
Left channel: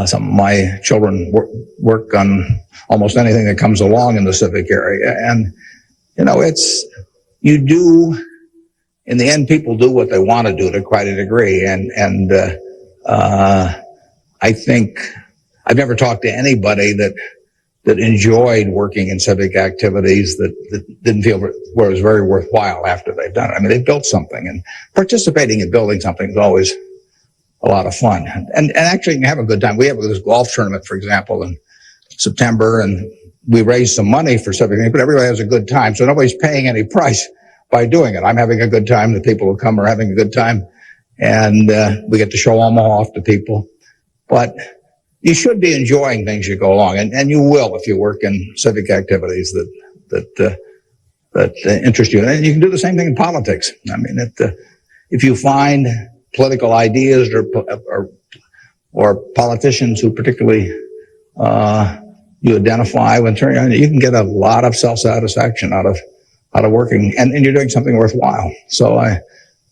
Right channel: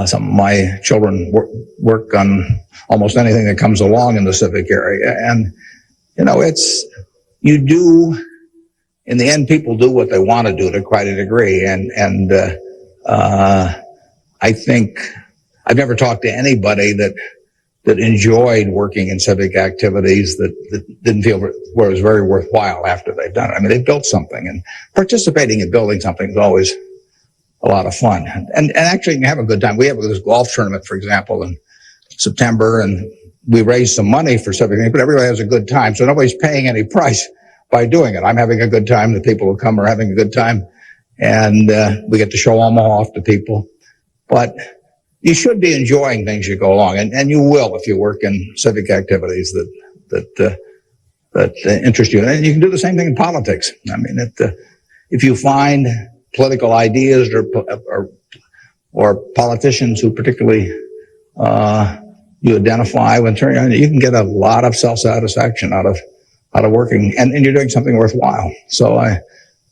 Some of my children work on almost anything that comes along in the civic area. And, in the end, people do what they want to do to quite a degree. And I think I've never talked to anybody that enjoyed working in civic activities that didn't feel where it was very worthwhile after they've done it. I mean, they built something, and participating in building something is always a lot of fun. And actually you can have a good time. We have this golf tournament, for example, in September, and we raised some money for civic, but everybody has a good time. So nobody's paying any price by doing it. I'm having a good time. The people who come are having a good time. And we get to show Omaha off to people. But you should be enjoying things you go along, and you will if you work in civic activities that interest you. And you can do the same thing in politics. I mean, if you find political ideas or politicians who particularly you identify with, you can get a lot of self-satisfaction out of working, and you're doing something worthwhile. So I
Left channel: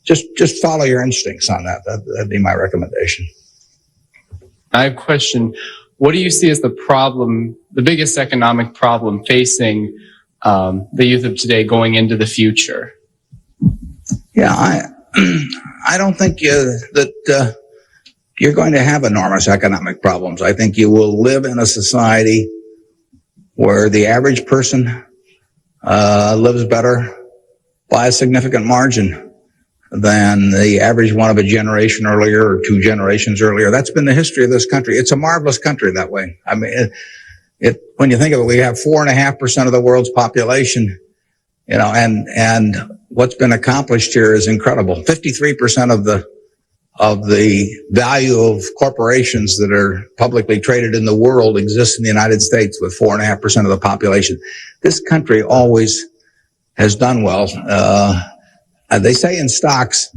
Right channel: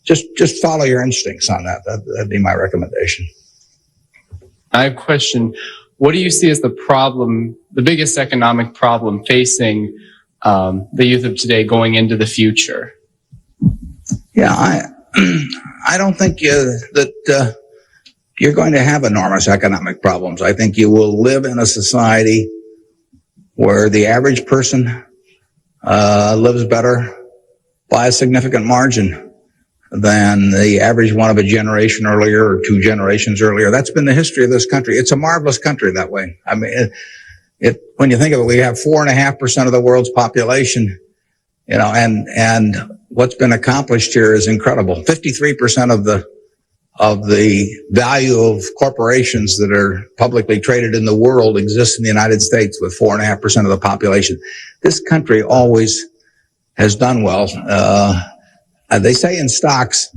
just follow your instincts on that. That'd be my recommendation. I have a question. What do you see as the biggest economic problem facing the youth of today going into the future? Yeah, I don't think that you're going to have enormous economic problems. I think you will live in a society where the average person lives better by a significant margin than the average one of a generation earlier or 2 generations earlier. That's been the history of this country. It's a marvelous country that way. I mean, when you think of it, we have 4.5% of the world's population, and what's been accomplished here is incredible. 53% of the value of corporations that are publicly traded in the world exists in the United States with 4.5% of the population. This country always has done well. And they say in stocks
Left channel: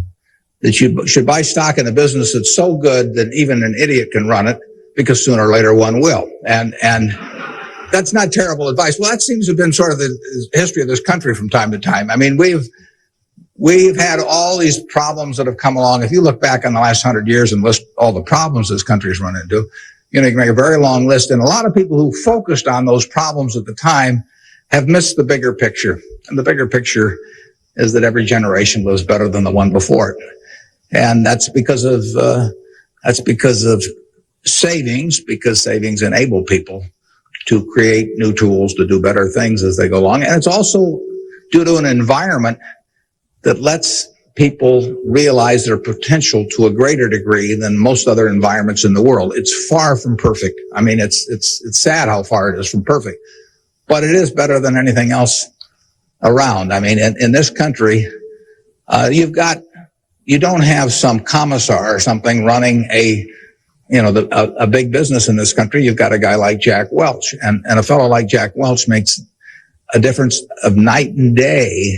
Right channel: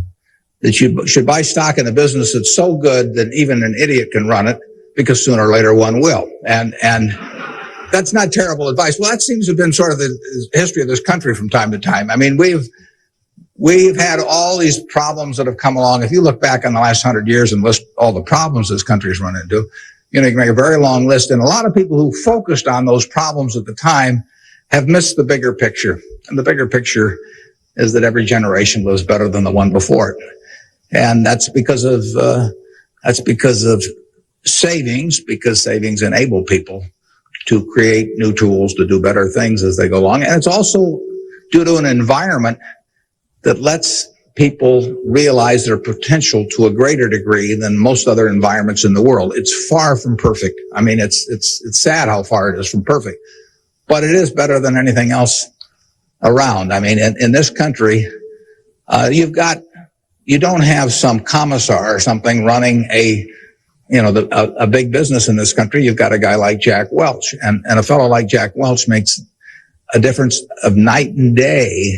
that you should buy stock in a business that's so good that even an idiot can run it, because sooner or later one will. And that's not terrible advice. Well, that seems to have been sort of the history of this country from time to time. I mean, we've had all these problems that have come along. If you look back on the last 100 years and list all the problems this country's run into, a very, very long list. And a lot of people who focused on those problems at the time have missed the bigger picture. And the bigger picture is that every generation lives better than the one before it. And that's because of savings, because savings enable people to create new tools to do better things as they go along. And it's also due to an environment that lets people realize their potential to a greater degree than most other environments in the world. It's far from perfect. I mean, it's sad how far it is from perfect, but it is better than anything else around. I mean, in this country, you don't have some commissar or something running a big business in this country. You've got a guy like Jack Welch, and a fellow like Jack Welch makes a difference of night and day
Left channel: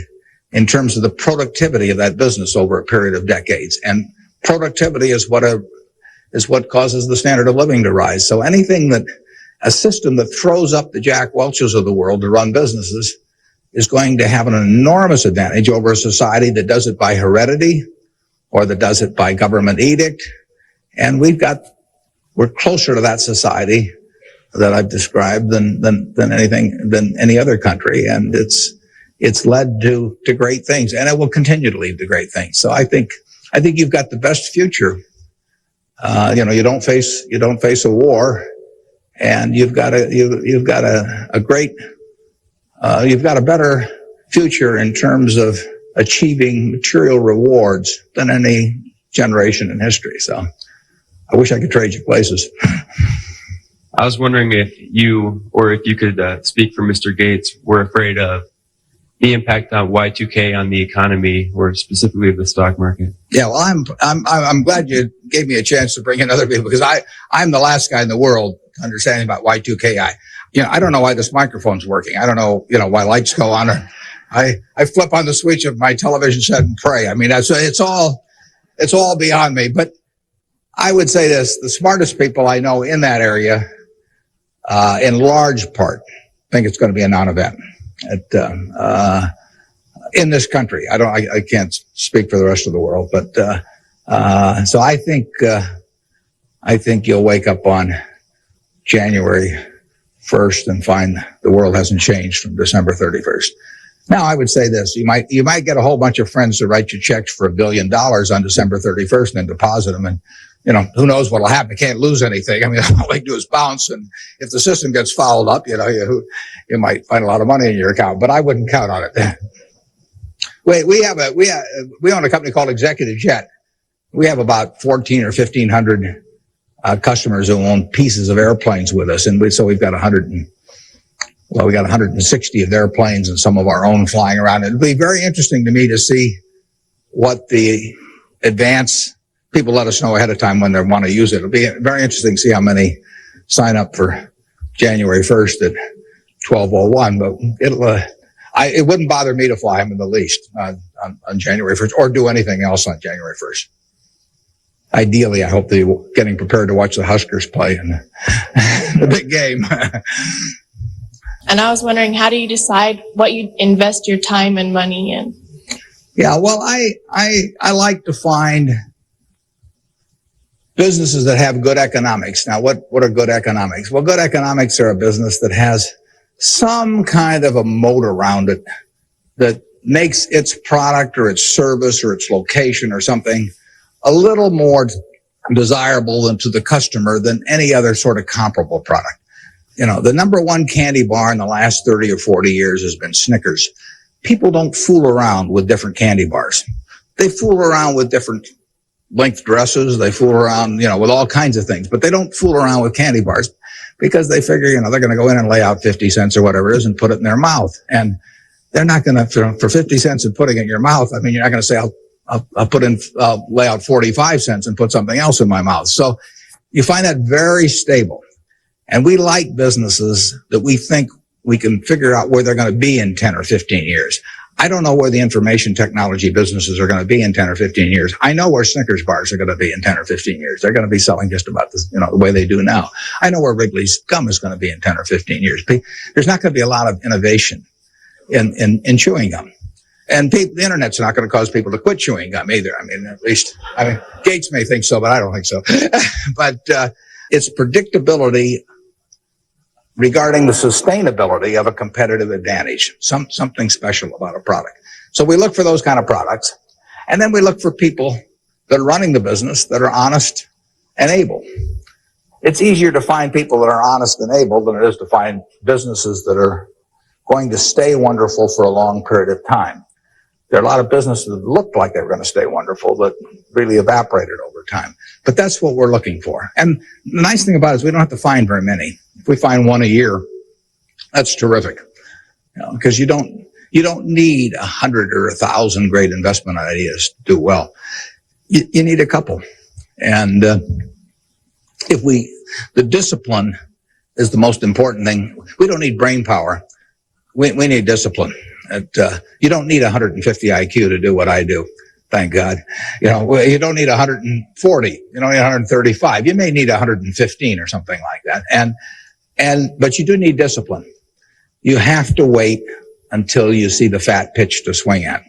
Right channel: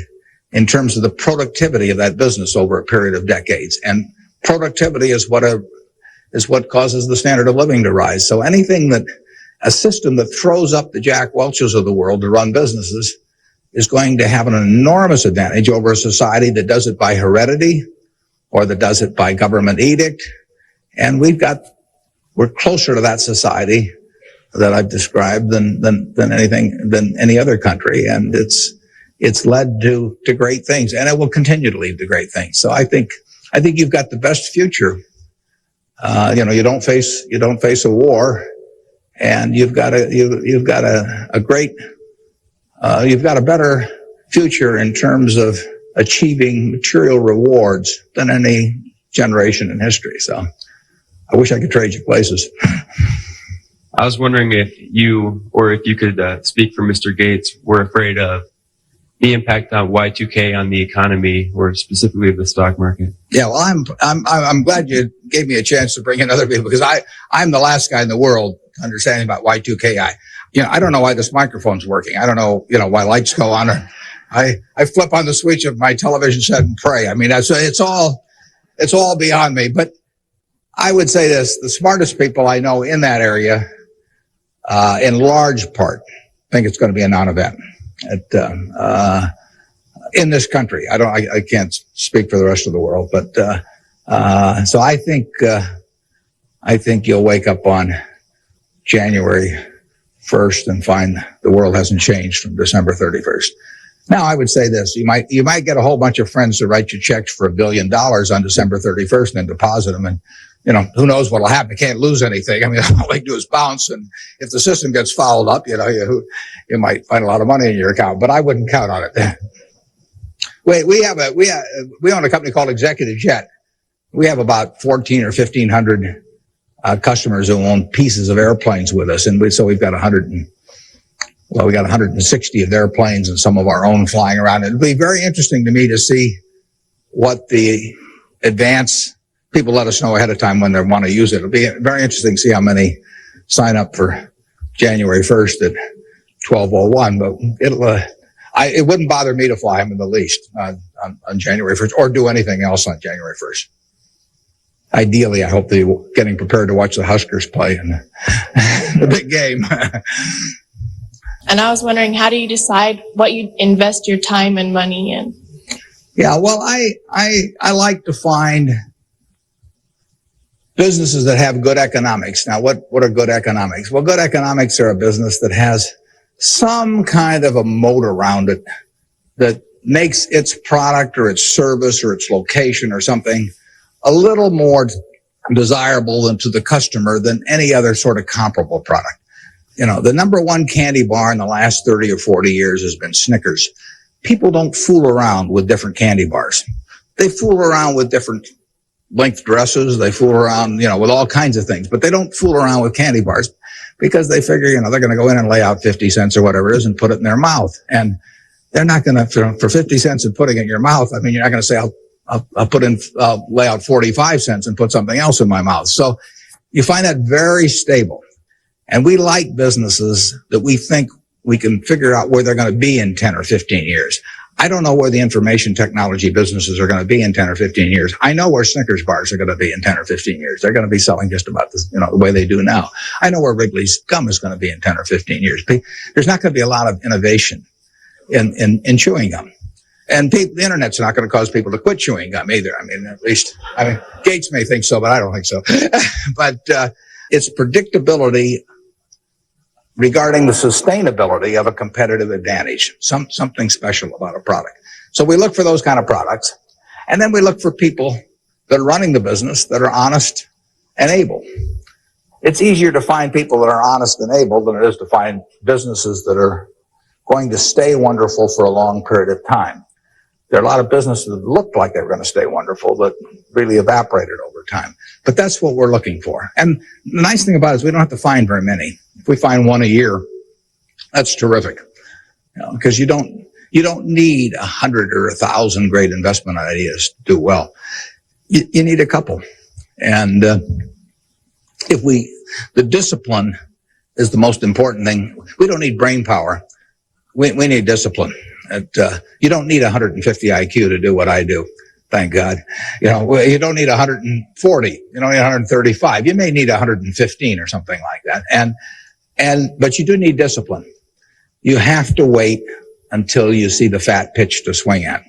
in terms of the productivity of that business over a period of decades. And productivity is what causes the standard of living to rise. So a system that throws up the Jack Welches of the world to run businesses is going to have an enormous advantage over a society that does it by heredity or that does it by government edict. And we're closer to that society that I've described than any other country. And it's led to great things, and it will continue to lead to great things. So I think you've got the best future. You don't face a war, and you've got a better future in terms of achieving material rewards than any generation in history. So I wish I could trade you places. I was wondering if you could speak for Mr. Gates, were afraid of the impact of Y2K on the economy, or specifically the stock market. Yeah, well, I'm glad you gave me a chance to bring in other people, because I'm the last guy in the world understanding about Y2K. I don't know why this microphone's working. I don't know, why lights go on. I flip on the switch of my television set and pray. I mean, it's all beyond me. But I would say this: the smartest people I know in that area, in large part, think it's going to be a non-event. In this country, I can't speak for the rest of the world, but so I think you'll wake up on January 1st and find the world hasn't changed from December 31st. Now, I would say this: you might get a whole bunch of friends to write you checks for $1 billion on December 31st and deposit them, and who knows what'll happen? You can't lose anything. I mean, that's all they do is bounce, and if the system gets fouled up, you might find a lot of money in your account, but I wouldn't count on it. We own a company called Executive Jet. We have about 1,400 or 1,500 customers who own pieces of airplanes with us, and so we've got 160 of their planes and some of our own flying around. It'll be very interesting to me to see what the advance people let us know ahead of time when they want to use it. It'll be very interesting to see how many sign up for January 1st at 12:01, but it wouldn't bother me to fly them in the least on January 1st or do anything else on January 1st. Ideally, I hope they're getting prepared to watch the Huskers play in the big game. And I was wondering, how do you decide what you invest your time and money in? Yeah, well, I like to find businesses that have good economics. Now, what are good economics? Well, good economics are a business that has some kind of a moat around it that makes its product or its service or its location or something a little more desirable to the customer than any other sort of comparable product. The number one candy bar in the last 30 or 40 years has been Snickers. People don't fool around with different candy bars. They fool around with different length dresses. They fool around, with all kinds of things, but they don't fool around with candy bars because they figure, they're going to go in and lay out 50 cents or whatever it is and put it in their mouth. And they're not going to, for 50 cents and putting it in your mouth, I mean, you're not going to say, I'll lay out 45 cents and put something else in my mouth. So you find that very stable. And we like businesses that we think we can figure out where they're going to be in 10 or 15 years. I don't know where the information technology businesses are going to be in 10 or 15 years. I know where Snickers bars are going to be in 10 or 15 years. They're going to be selling just about the way they do now. I know where Wrigley's gum is going to be in 10 or 15 years. There's not going to be a lot of innovation in chewing gum. And the internet's not going to cause people to quit chewing gum either. I mean, at least Gates may think so, but I don't think so. But it's predictability regarding the sustainability of a competitive advantage, something special about a product. So we look for those kind of products, and then we look for people that are running the business that are honest and able. It's easier to find people that are honest and able than it is to find businesses that are going to stay wonderful for a long period of time. There are a lot of businesses that looked like they were going to stay wonderful that really evaporated over time. But that's what we're looking for. And the nice thing about it is we don't have to find very many. If we find one a year, that's terrific. Because you don't You don't need 100 or 1,000 great investment ideas to do well. You need a couple. And the discipline is the most important thing. We don't need brain power. We need discipline. You don't need 150 IQ to do what I do. Thank God. You don't need 140. You don't need 135. You may need 115 or something like that. But you do need discipline. You have to wait until you see the fat pitch to swing at.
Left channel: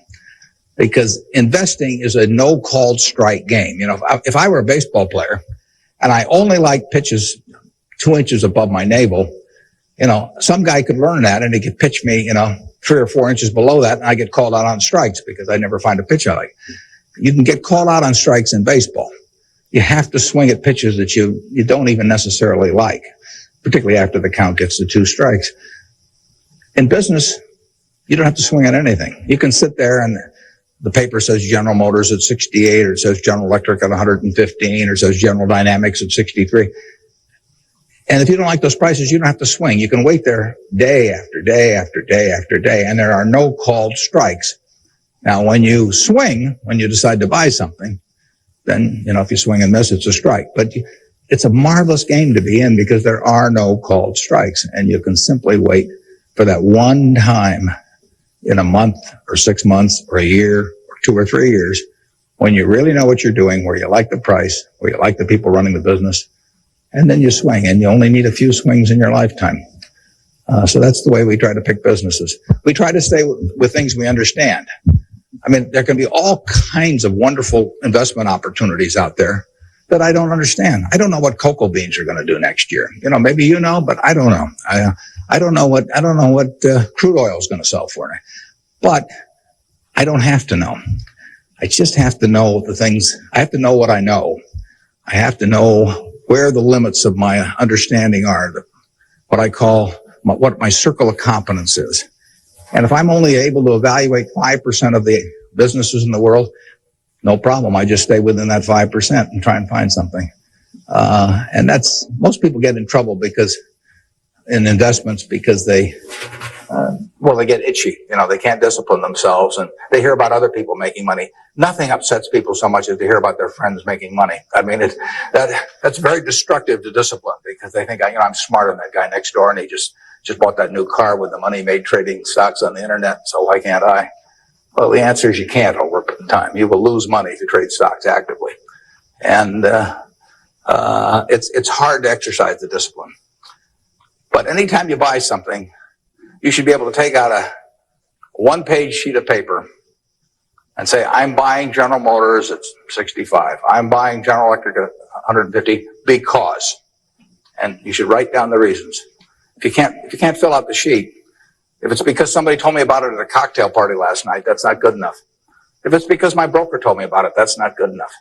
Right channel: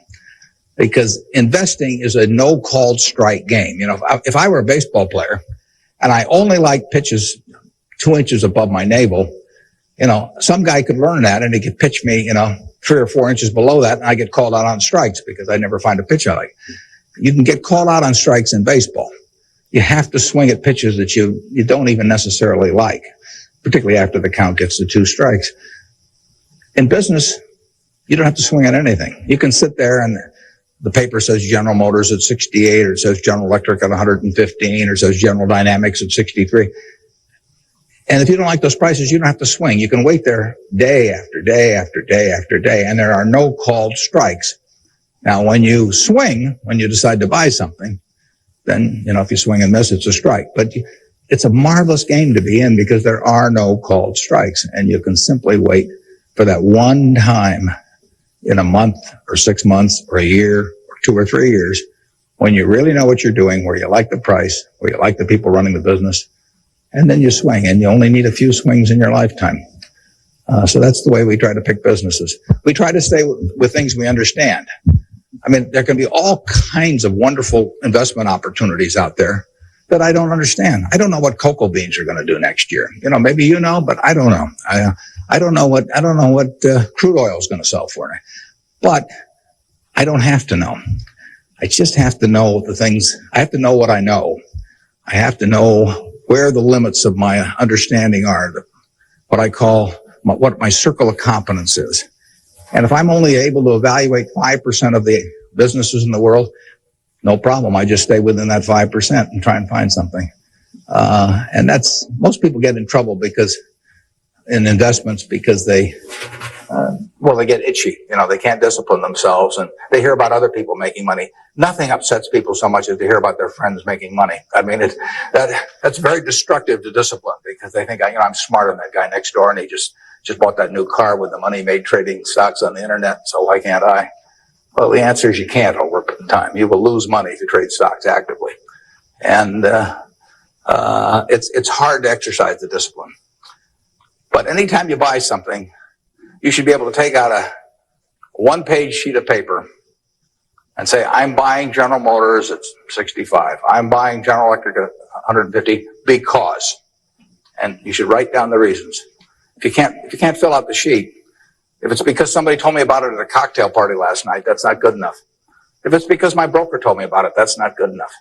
Because investing is a no called strike game. If I were a baseball player and I only like pitches 2 inches above my navel, some guy could learn that and he could pitch me, 3 or 4 inches below that, and I get called out on strikes because I never find a pitch I like. You can get called out on strikes in baseball. You have to swing at pitches that you don't even necessarily like, particularly after the count gets to 2 strikes. In business, you don't have to swing at anything. You can sit there and the paper says General Motors at 68, or it says General Electric at 115, or it says General Dynamics at 63. And if you don't like those prices, you don't have to swing. You can wait there day after day after day after day, and there are no called strikes. Now, when you swing, when you decide to buy something, then, if you swing and miss, it's a strike. But it's a marvelous game to be in because there are no called strikes, and you can simply wait for that one time in a month or 6 months or a year or 2 or 3 years when you really know what you're doing, where you like the price, where you like the people running the business. And then you swing, and you only need a few swings in your lifetime. So that's the way we try to pick businesses. We try to say the things we understand. There can be all kinds of wonderful investment opportunities out there that I don't understand. I don't know what cocoa beans you're going to do next year. Maybe you know, but I don't know. I don't know what crude oil is going to sell for. But I don't have to know. I just have to know the things. I have to know what I know. I have to know where the limits of my understanding are, what I call what my circle of competence is. And if I'm only able to evaluate 5% of the businesses in the world, no problem. I just stay within that 5% and try and find something. And most people get in trouble in investments because they get itchy. They can't discipline themselves, and they hear about other people making money. Nothing upsets people so much as to hear about their friends making money. That's very destructive to discipline because they think, I'm smarter than that guy next door, and he just bought that new car with the money he made trading stocks on the internet, so why can't I? Well, the answer is you can't over time. You will lose money if you trade stocks actively. And it's hard to exercise the discipline. But anytime you buy something, you should be able to take out a one-page sheet of paper and say, I'm buying General Motors at 65. I'm buying General Electric at 150 because. And you should write down the reasons. If you can't fill out the sheet, if it's because somebody told me about it at a cocktail party last night, that's not good enough. If it's because my broker told me about it, that's not good enough.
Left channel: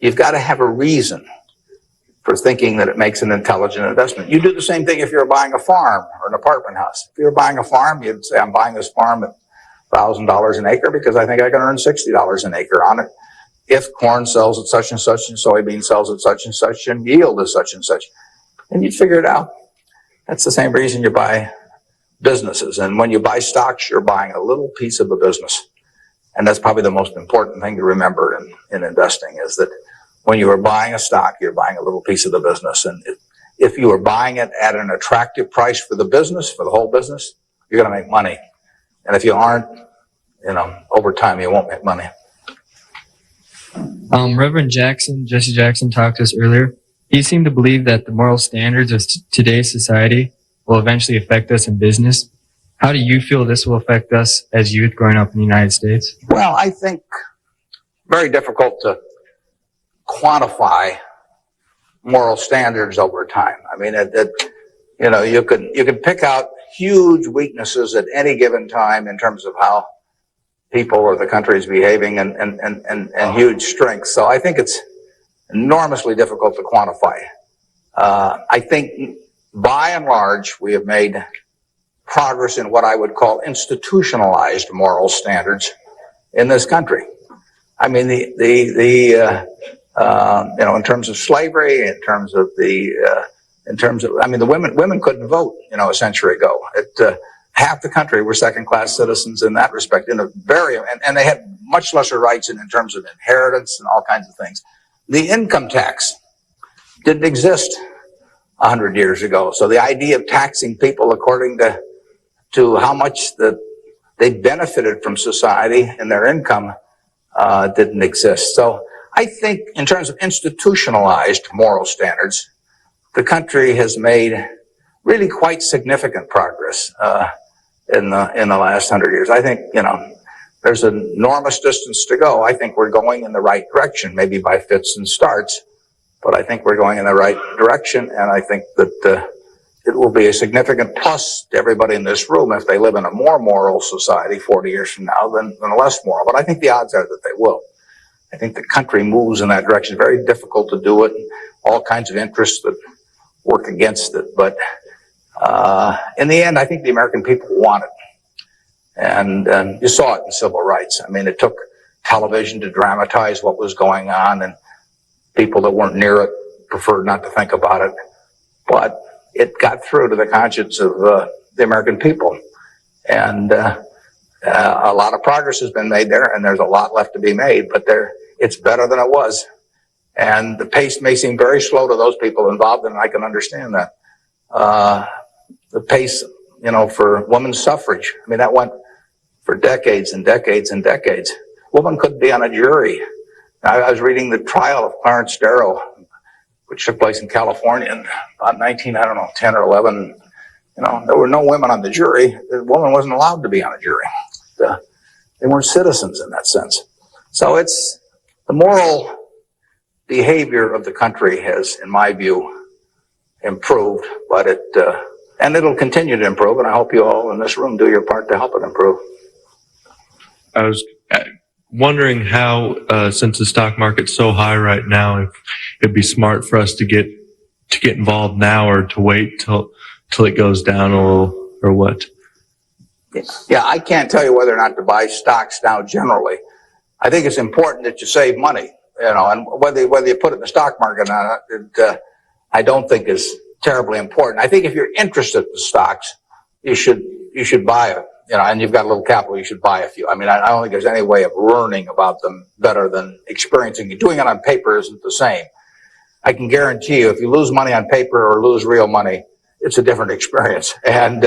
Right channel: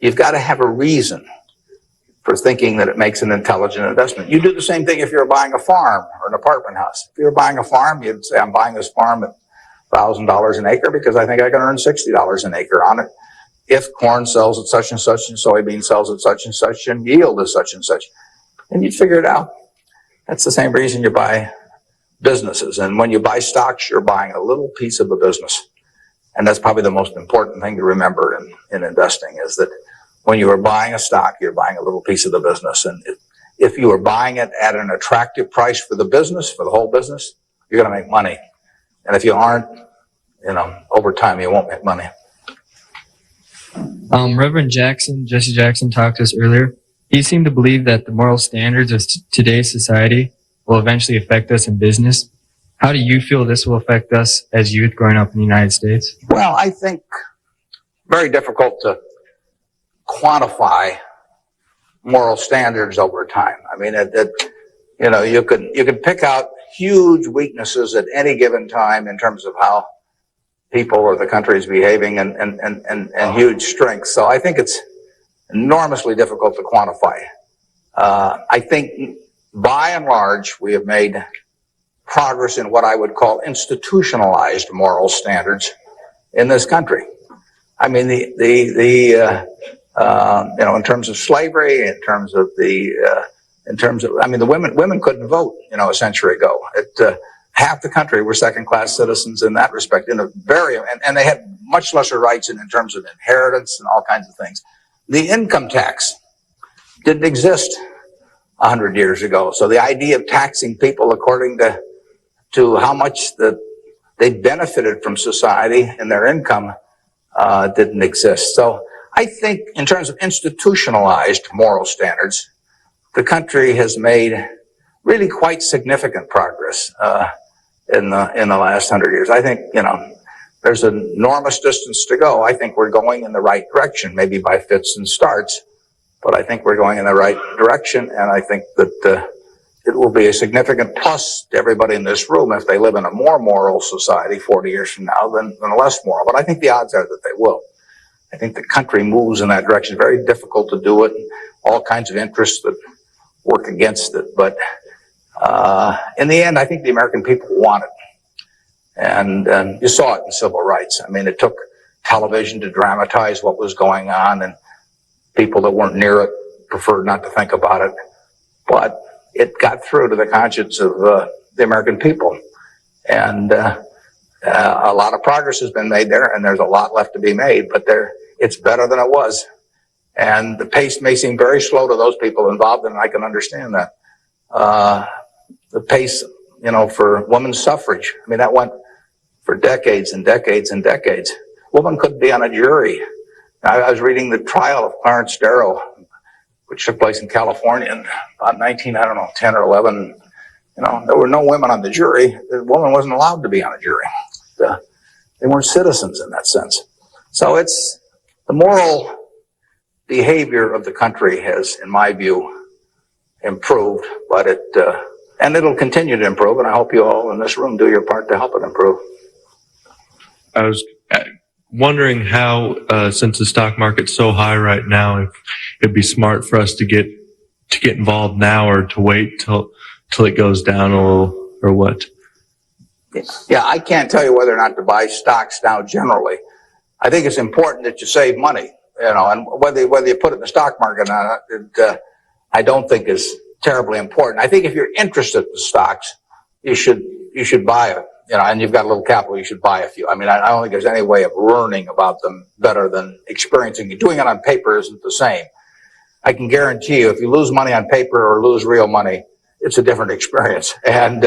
You've got to have a reason for thinking that it makes an intelligent investment. You do the same thing if you're buying a farm or an apartment house. If you're buying a farm, you'd say, I'm buying this farm at $1,000 an acre because I think I can earn $60 an acre on it. If corn sells at such and such, and soybean sells at such and such, and yield is such and such. And you figure it out. That's the same reason you buy businesses. And when you buy stocks, you're buying a little piece of the business. And that's probably the most important thing to remember in investing is that when you are buying a stock, you're buying a little piece of the business. And if you are buying it at an attractive price for the business, for the whole business, you're going to make money. And if you aren't, over time, you won't make money. Reverend Jesse Jackson talked to us earlier. He seemed to believe that the moral standards of today's society will eventually affect us in business. How do you feel this will affect us as youth growing up in the United States? I think very difficult to quantify moral standards over time. You can pick out huge weaknesses at any given time in terms of how people or the country is behaving and huge strengths. So I think it's enormously difficult to quantify. I think by and large we have made progress in what I would call institutionalized moral standards in this country. In terms of slavery, the women couldn't vote, a century ago. half the country were second-class citizens in that respect, and they had much lesser rights in terms of inheritance and all kinds of things. The income tax didn't exist 100 years ago. So the idea of taxing people according to how much they benefited from society and their income didn't exist. So I think in terms of institutionalized moral standards, the country has made really quite significant progress in the last 100 years. I think, there's an enormous distance to go. I think we're going in the right direction, maybe by fits and starts, but I think we're going in the right direction. And I think that it will be a significant plus to everybody in this room if they live in a more moral society 40 years from now than a less moral. But I think the odds are that they will. I think the country moves in that direction. Very difficult to do it. All kinds of interests that work against it. But in the end, I think the American people want it. And you saw it in civil rights. I mean, it took television to dramatize what was going on, and people that weren't near it preferred not to think about it. But it got through to the conscience of the American people. And a lot of progress has been made there, and there's a lot left to be made, but it's better than it was. And the pace may seem very slow to those people involved, and I can understand that. The pace, for women's suffrage, I mean, that went for decades and decades and decades. Women couldn't be on a jury. I was reading the trial of Clarence Darrow, which took place in California in about 10 or 11. There were no women on the jury. The woman wasn't allowed to be on a jury. They weren't citizens in that sense. So it's the moral behavior of the country has, in my view, improved, but and it'll continue to improve, and I hope you all in this room do your part to help it improve. I was wondering how, since the stock market's so high right now, if it'd be smart for us to get involved now or to wait till it goes down or what? Yeah, I can't tell you whether or not to buy stocks now generally. I think it's important that you save money, and whether you put it in the stock market or not, I don't think is terribly important. I think if you're interested in stocks, you should buy it. And you've got a little capital, you should buy a few. I mean, I don't think there's any way of learning about them better than experiencing it. Doing it on paper isn't the same. I can guarantee you, if you lose money on paper or lose real money, it's a different experience. And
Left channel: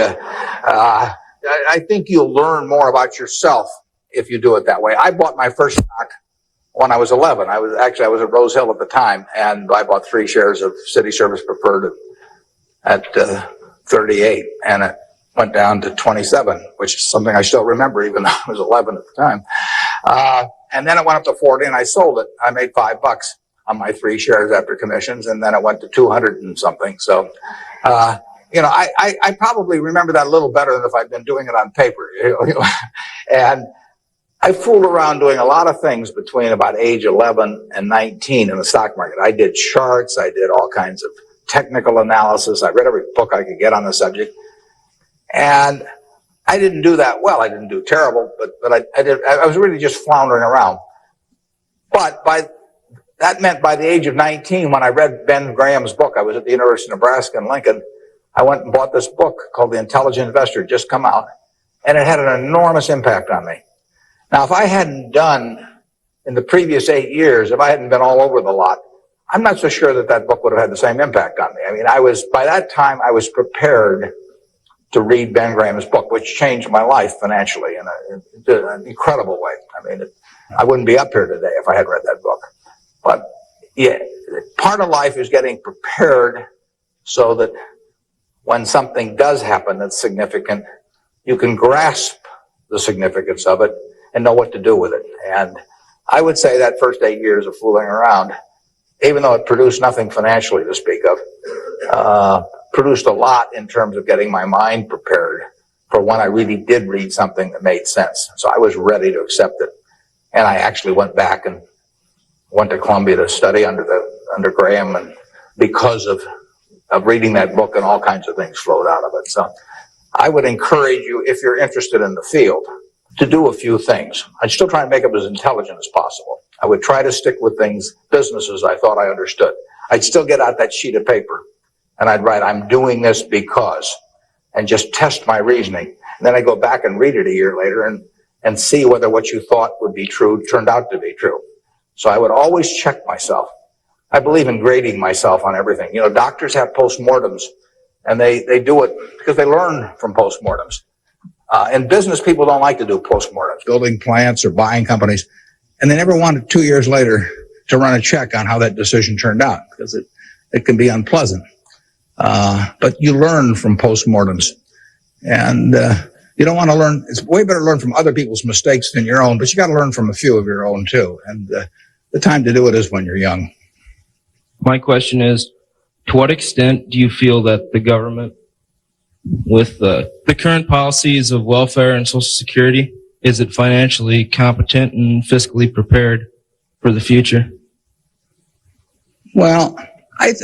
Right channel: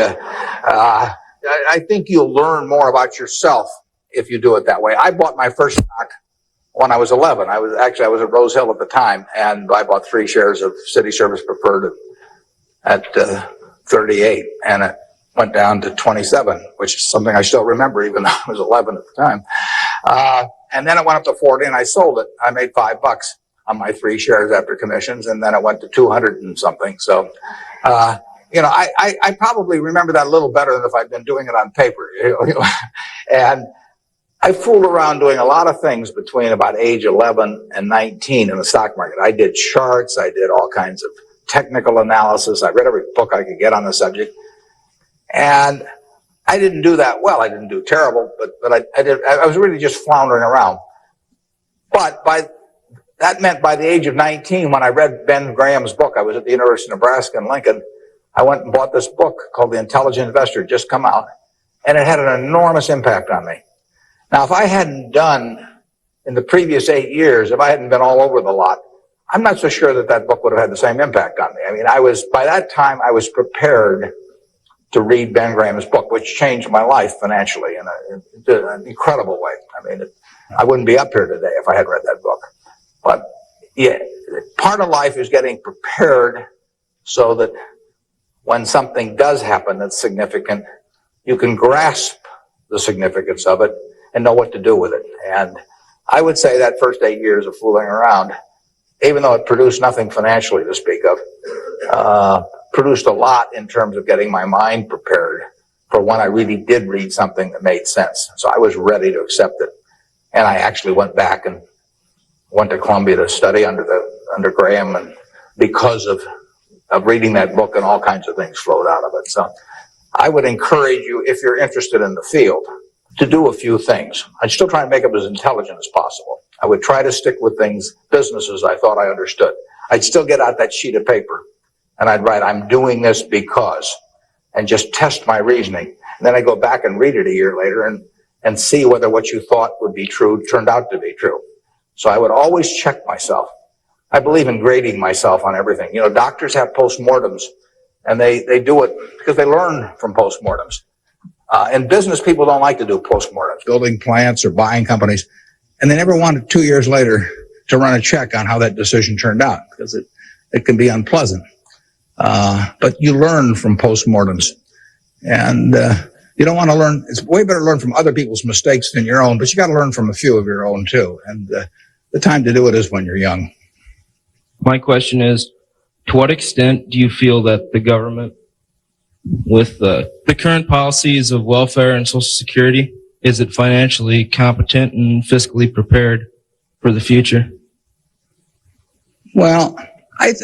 I think you'll learn more about yourself if you do it that way. I bought my first stock when I was 11. I was at Rose Hill at the time, and I bought 3 shares of City Service Preferred at 38, and it went down to 27, which is something I still remember, even though I was 11 at the time. And then it went up to 40, and I sold it. I made $5 on my 3 shares after commissions, and then it went to 200 and something. So, I probably remember that a little better than if I'd been doing it on paper. And I fooled around doing a lot of things between about age 11 and 19 in the stock market. I did charts. I did all kinds of technical analysis. I read every book I could get on the subject. And I didn't do that well. I didn't do terrible, but I was really just floundering around. But by the age of 19, when I read Ben Graham's book, I was at the University of Nebraska in Lincoln, I went and bought this book called The Intelligent Investor, just come out, and it had an enormous impact on me. Now, if I hadn't done, in the previous 8 years, if I hadn't been all over the lot, I'm not so sure that book would have had the same impact on me. I mean, by that time, I was prepared to read Ben Graham's book, which changed my life financially in an incredible way. I mean, I wouldn't be up here today if I hadn't read that book. But yeah, part of life is getting prepared so that when something does happen that's significant, you can grasp the significance of it and know what to do with it. And I would say that first 8 years of fooling around, even though it produced nothing financially to speak of, produced a lot in terms of getting my mind prepared for when I really did read something that made sense. So I was ready to accept it. And I actually went back and went to Columbia to study under Graham, and because of reading that book, and all kinds of things flowed out of it. So I would encourage you, if you're interested in the field, to do a few things. I'd still try and make it as intelligent as possible. I would try to stick with businesses I thought I understood. I'd still get out that sheet of paper and I'd write, I'm doing this because, and just test my reasoning. Then I go back and read it a year later and see whether what you thought would be true turned out to be true. So I would always check myself. I believe in grading myself on everything. You know, doctors have postmortems, and they do it because they learn from postmortems. In business, people don't like to do postmortems, building plants or buying companies, and they never want 2 years later to run a check on how that decision turned out, because it can be unpleasant. But you learn from postmortems, and you don't want to learn. It's way better to learn from other people's mistakes than your own, but you got to learn from a few of your own too. And the time to do it is when you're young. My question is, to what extent do you feel that the government, with the current policies of welfare and Social Security, is it financially competent and fiscally prepared for the future? Well, I think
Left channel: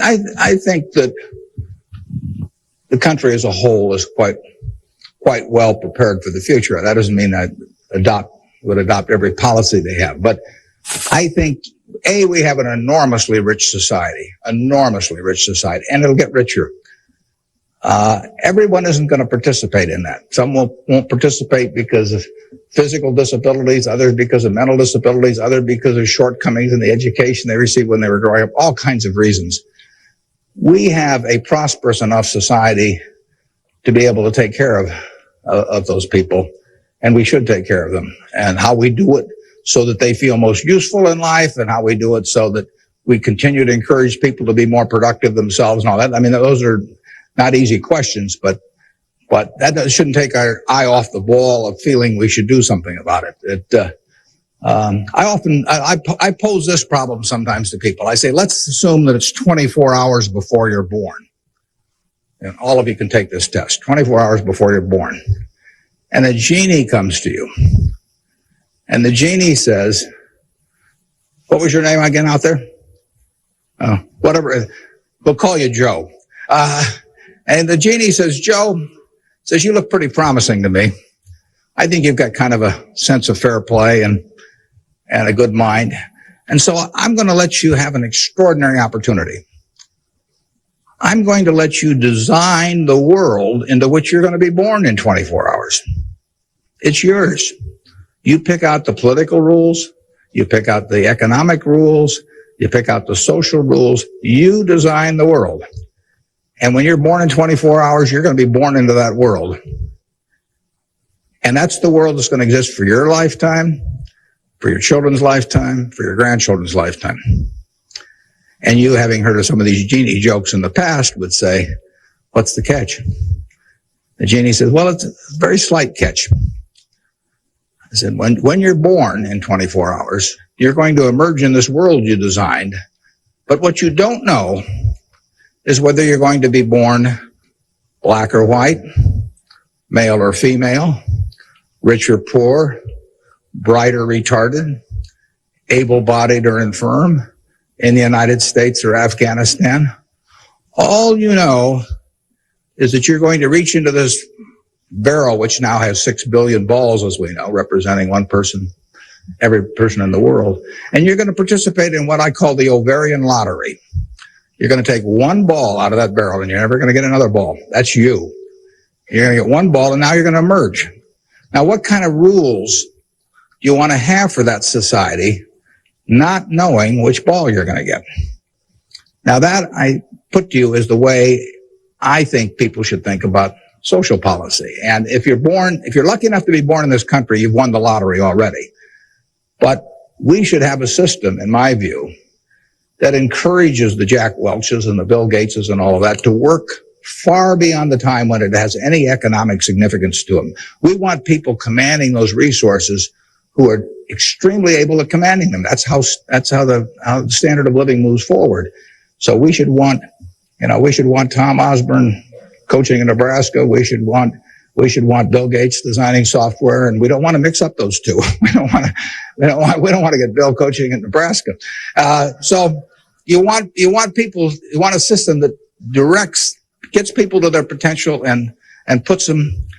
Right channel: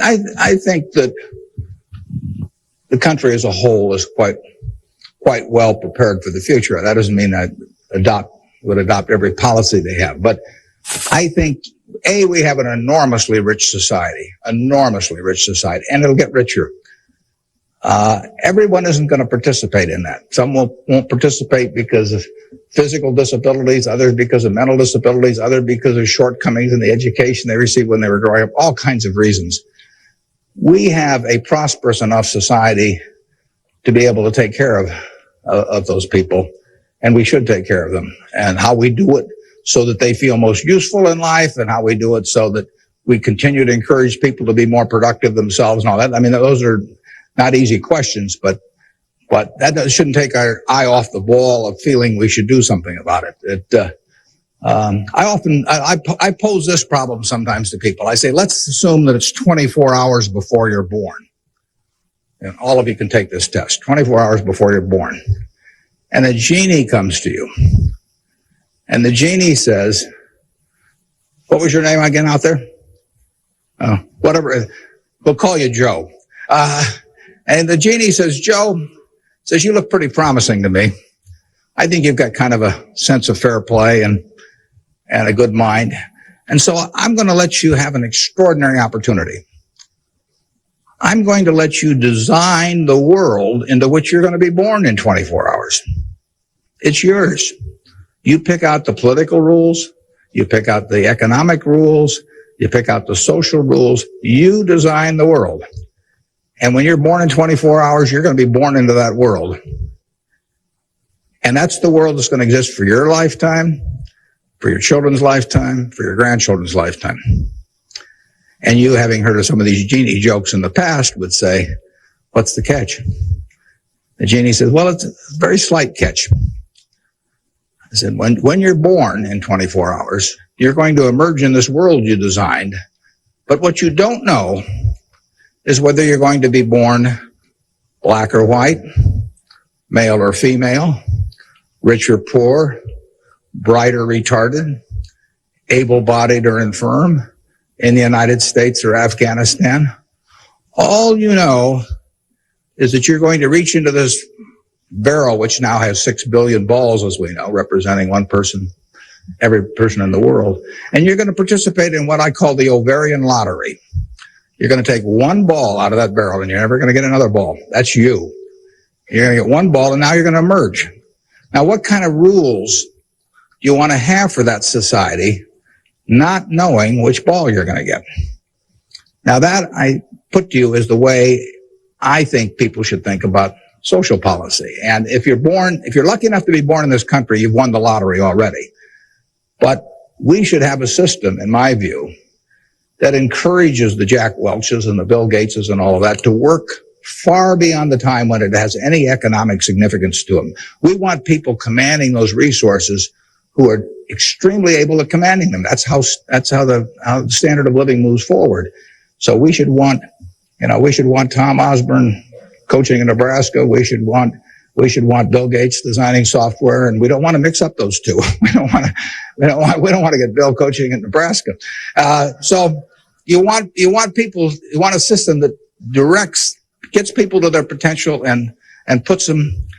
that the country as a whole is quite well prepared for the future. That doesn't mean I would adopt every policy they have, but I think we have an enormously rich society, and it'll get richer. Everyone isn't going to participate in that. Some won't participate because of physical disabilities, others because of mental disabilities, others because of shortcomings in the education they received when they were growing up, all kinds of reasons. We have a prosperous enough society to be able to take care of those people, and we should take care of them. And how we do it so that they feel most useful in life, and how we do it so that we continue to encourage people to be more productive themselves and all that. I mean, those are not easy questions, but that shouldn't take our eye off the ball of feeling we should do something about it. I pose this problem sometimes to people. I say, let's assume that it's 24 hours before you're born. And all of you can take this test, 24 hours before you're born. And a genie comes to you. And the genie says, what was your name again out there? Oh, whatever. They call you Joe. And the genie says, Joe, you look pretty promising to me. I think you've got kind of a sense of fair play and a good mind. And so I'm going to let you have an extraordinary opportunity. I'm going to let you design the world into which you're going to be born in 24 hours. It's yours. You pick out the political rules. You pick out the economic rules. You pick out the social rules. You design the world. And when you're born in 24 hours, you're going to be born into that world. And that's the world that's going to exist for your lifetime, for your children's lifetime, for your grandchildren's lifetime. And you, having heard of some of these genie jokes in the past, would say, what's the catch? The genie says, well, it's a very slight catch. I said, when you're born in 24 hours, you're going to emerge in this world you designed. But what you don't know is whether you're going to be born black or white, male or female, rich or poor, bright or retarded, able-bodied or infirm, in the United States or Afghanistan. All you know is that you're going to reach into this barrel, which now has 6 billion balls, as we know, representing one person, every person in the world, and you're going to participate in what I call the ovarian lottery. You're going to take one ball out of that barrel, and you're never going to get another ball. That's you. You're going to get one ball, and now you're going to emerge. Now, what kind of rules do you want to have for that society, not knowing which ball you're going to get? Now, that I put to you is the way I think people should think about social policy. And if you're lucky enough to be born in this country, you've won the lottery already. But we should have a system, in my view, that encourages the Jack Welches and the Bill Gateses and all of that to work far beyond the time when it has any economic significance to them. We want people commanding those resources who are extremely able at commanding them. That's how the standard of living moves forward. So we should want Tom Osborne coaching in Nebraska. We should want Bill Gates designing software, and we don't want to mix up those two. We don't want to get Bill coaching in Nebraska. So you want a system that gets people to their potential and puts them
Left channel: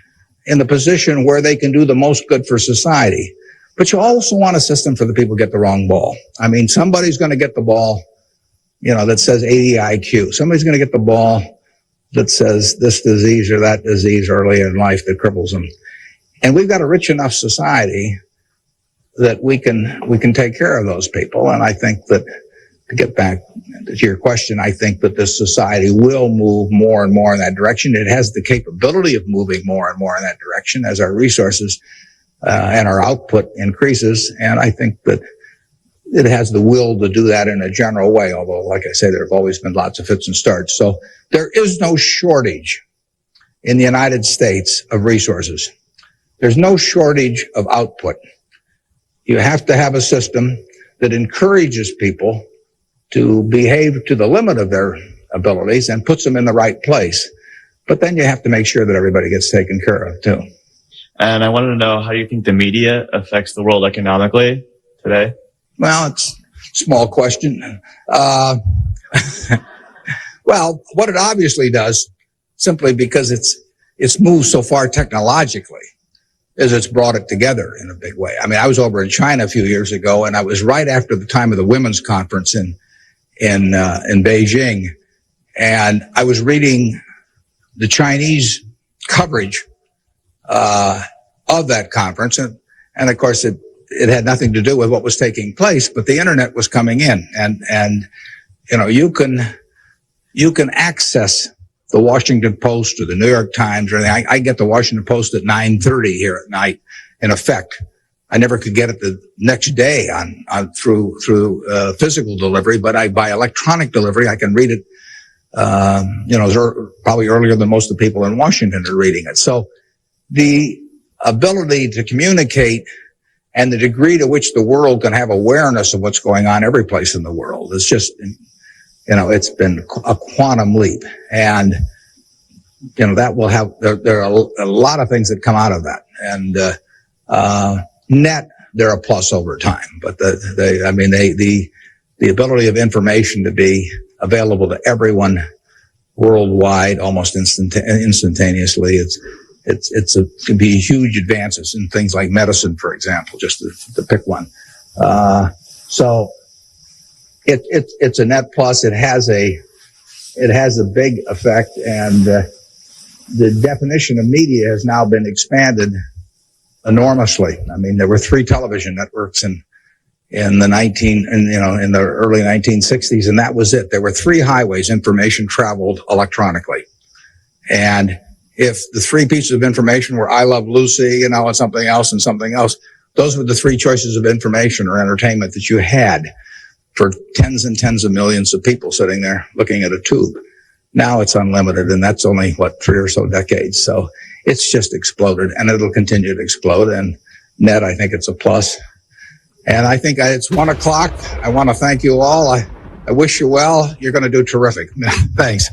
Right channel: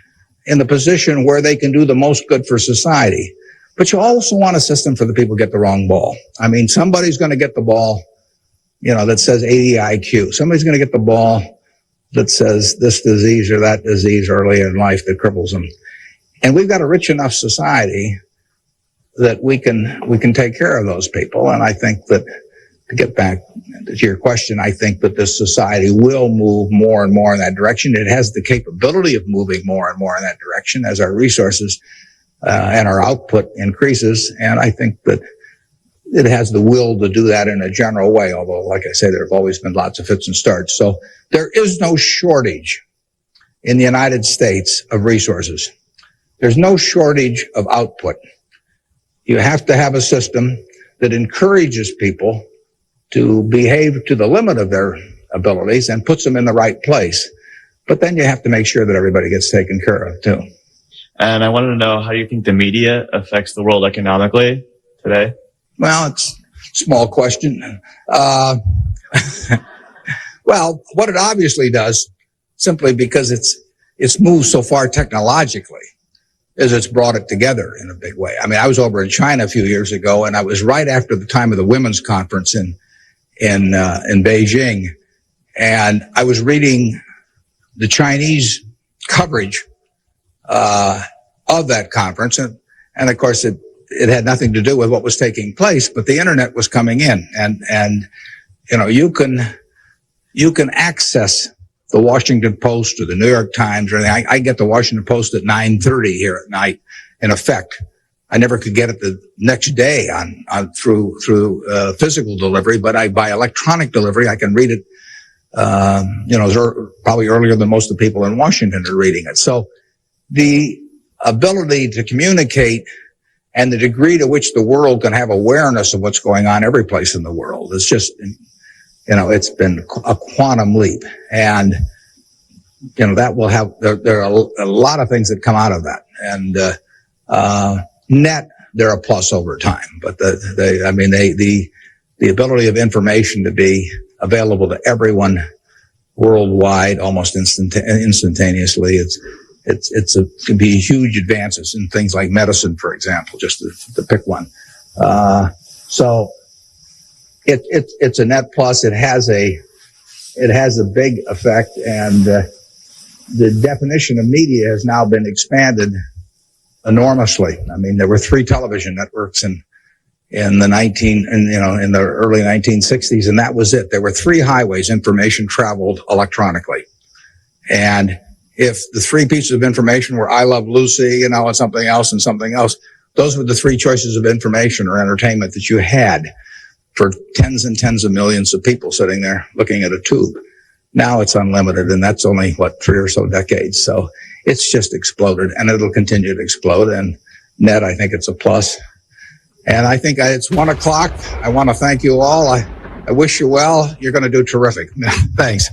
in the position where they can do the most good for society. But you also want a system for the people who get the wrong ball. I mean, somebody's going to get the ball, that says AEIQ. Somebody's going to get the ball that says this disease or that disease early in life that cripples them. And we've got a rich enough society that we can take care of those people. And I think that, to get back to your question, I think that this society will move more and more in that direction. It has the capability of moving more and more in that direction as our resources and our output increases. And I think that it has the will to do that in a general way, although, like I say, there have always been lots of fits and starts. So there is no shortage in the United States of resources. There's no shortage of output. You have to have a system that encourages people to behave to the limit of their abilities and puts them in the right place. But then you have to make sure that everybody gets taken care of, too. And I wanted to know, how do you think the media affects the world economically today? Well, it's a small question. Well, what it obviously does, simply because it's moved so far technologically, is it's brought it together in a big way. I mean, I was over in China a few years ago, and I was right after the time of the women's conference in Beijing, and I was reading the Chinese coverage of that conference, and of course it had nothing to do with what was taking place, but the internet was coming in, and you know, you can access the Washington Post or the New York Times or anything. I get the Washington Post at 9:30 here at night. In effect, I never could get it the next day through physical delivery, but by electronic delivery, I can read it. Probably earlier than most of the people in Washington are reading it. So the ability to communicate and the degree to which the world can have awareness of what's going on every place in the world is just, it's been a quantum leap. And, that will have, there are a lot of things that come out of that. And, net, they're a plus over time. But the ability of information to be available to everyone worldwide almost instantaneously, can be huge advances in things like medicine, for example, just to pick one. So it's a net plus. It has a big effect, and the definition of media has now been expanded enormously. I mean, there were 3 television networks in the early 1960s, and that was it. There were 3 highways information traveled electronically, and if the 3 pieces of information were I Love Lucy, and something else, those were the 3 choices of information or entertainment that you had for tons and tons of millions of people sitting there looking at a tube. Now it's unlimited, and that's only, 3 or so decades. So it's just exploded, and it'll continue to explode. And net, I think it's a plus. And I think it's 1:00. I want to thank you all. I wish you well. You're going to do terrific. Thanks.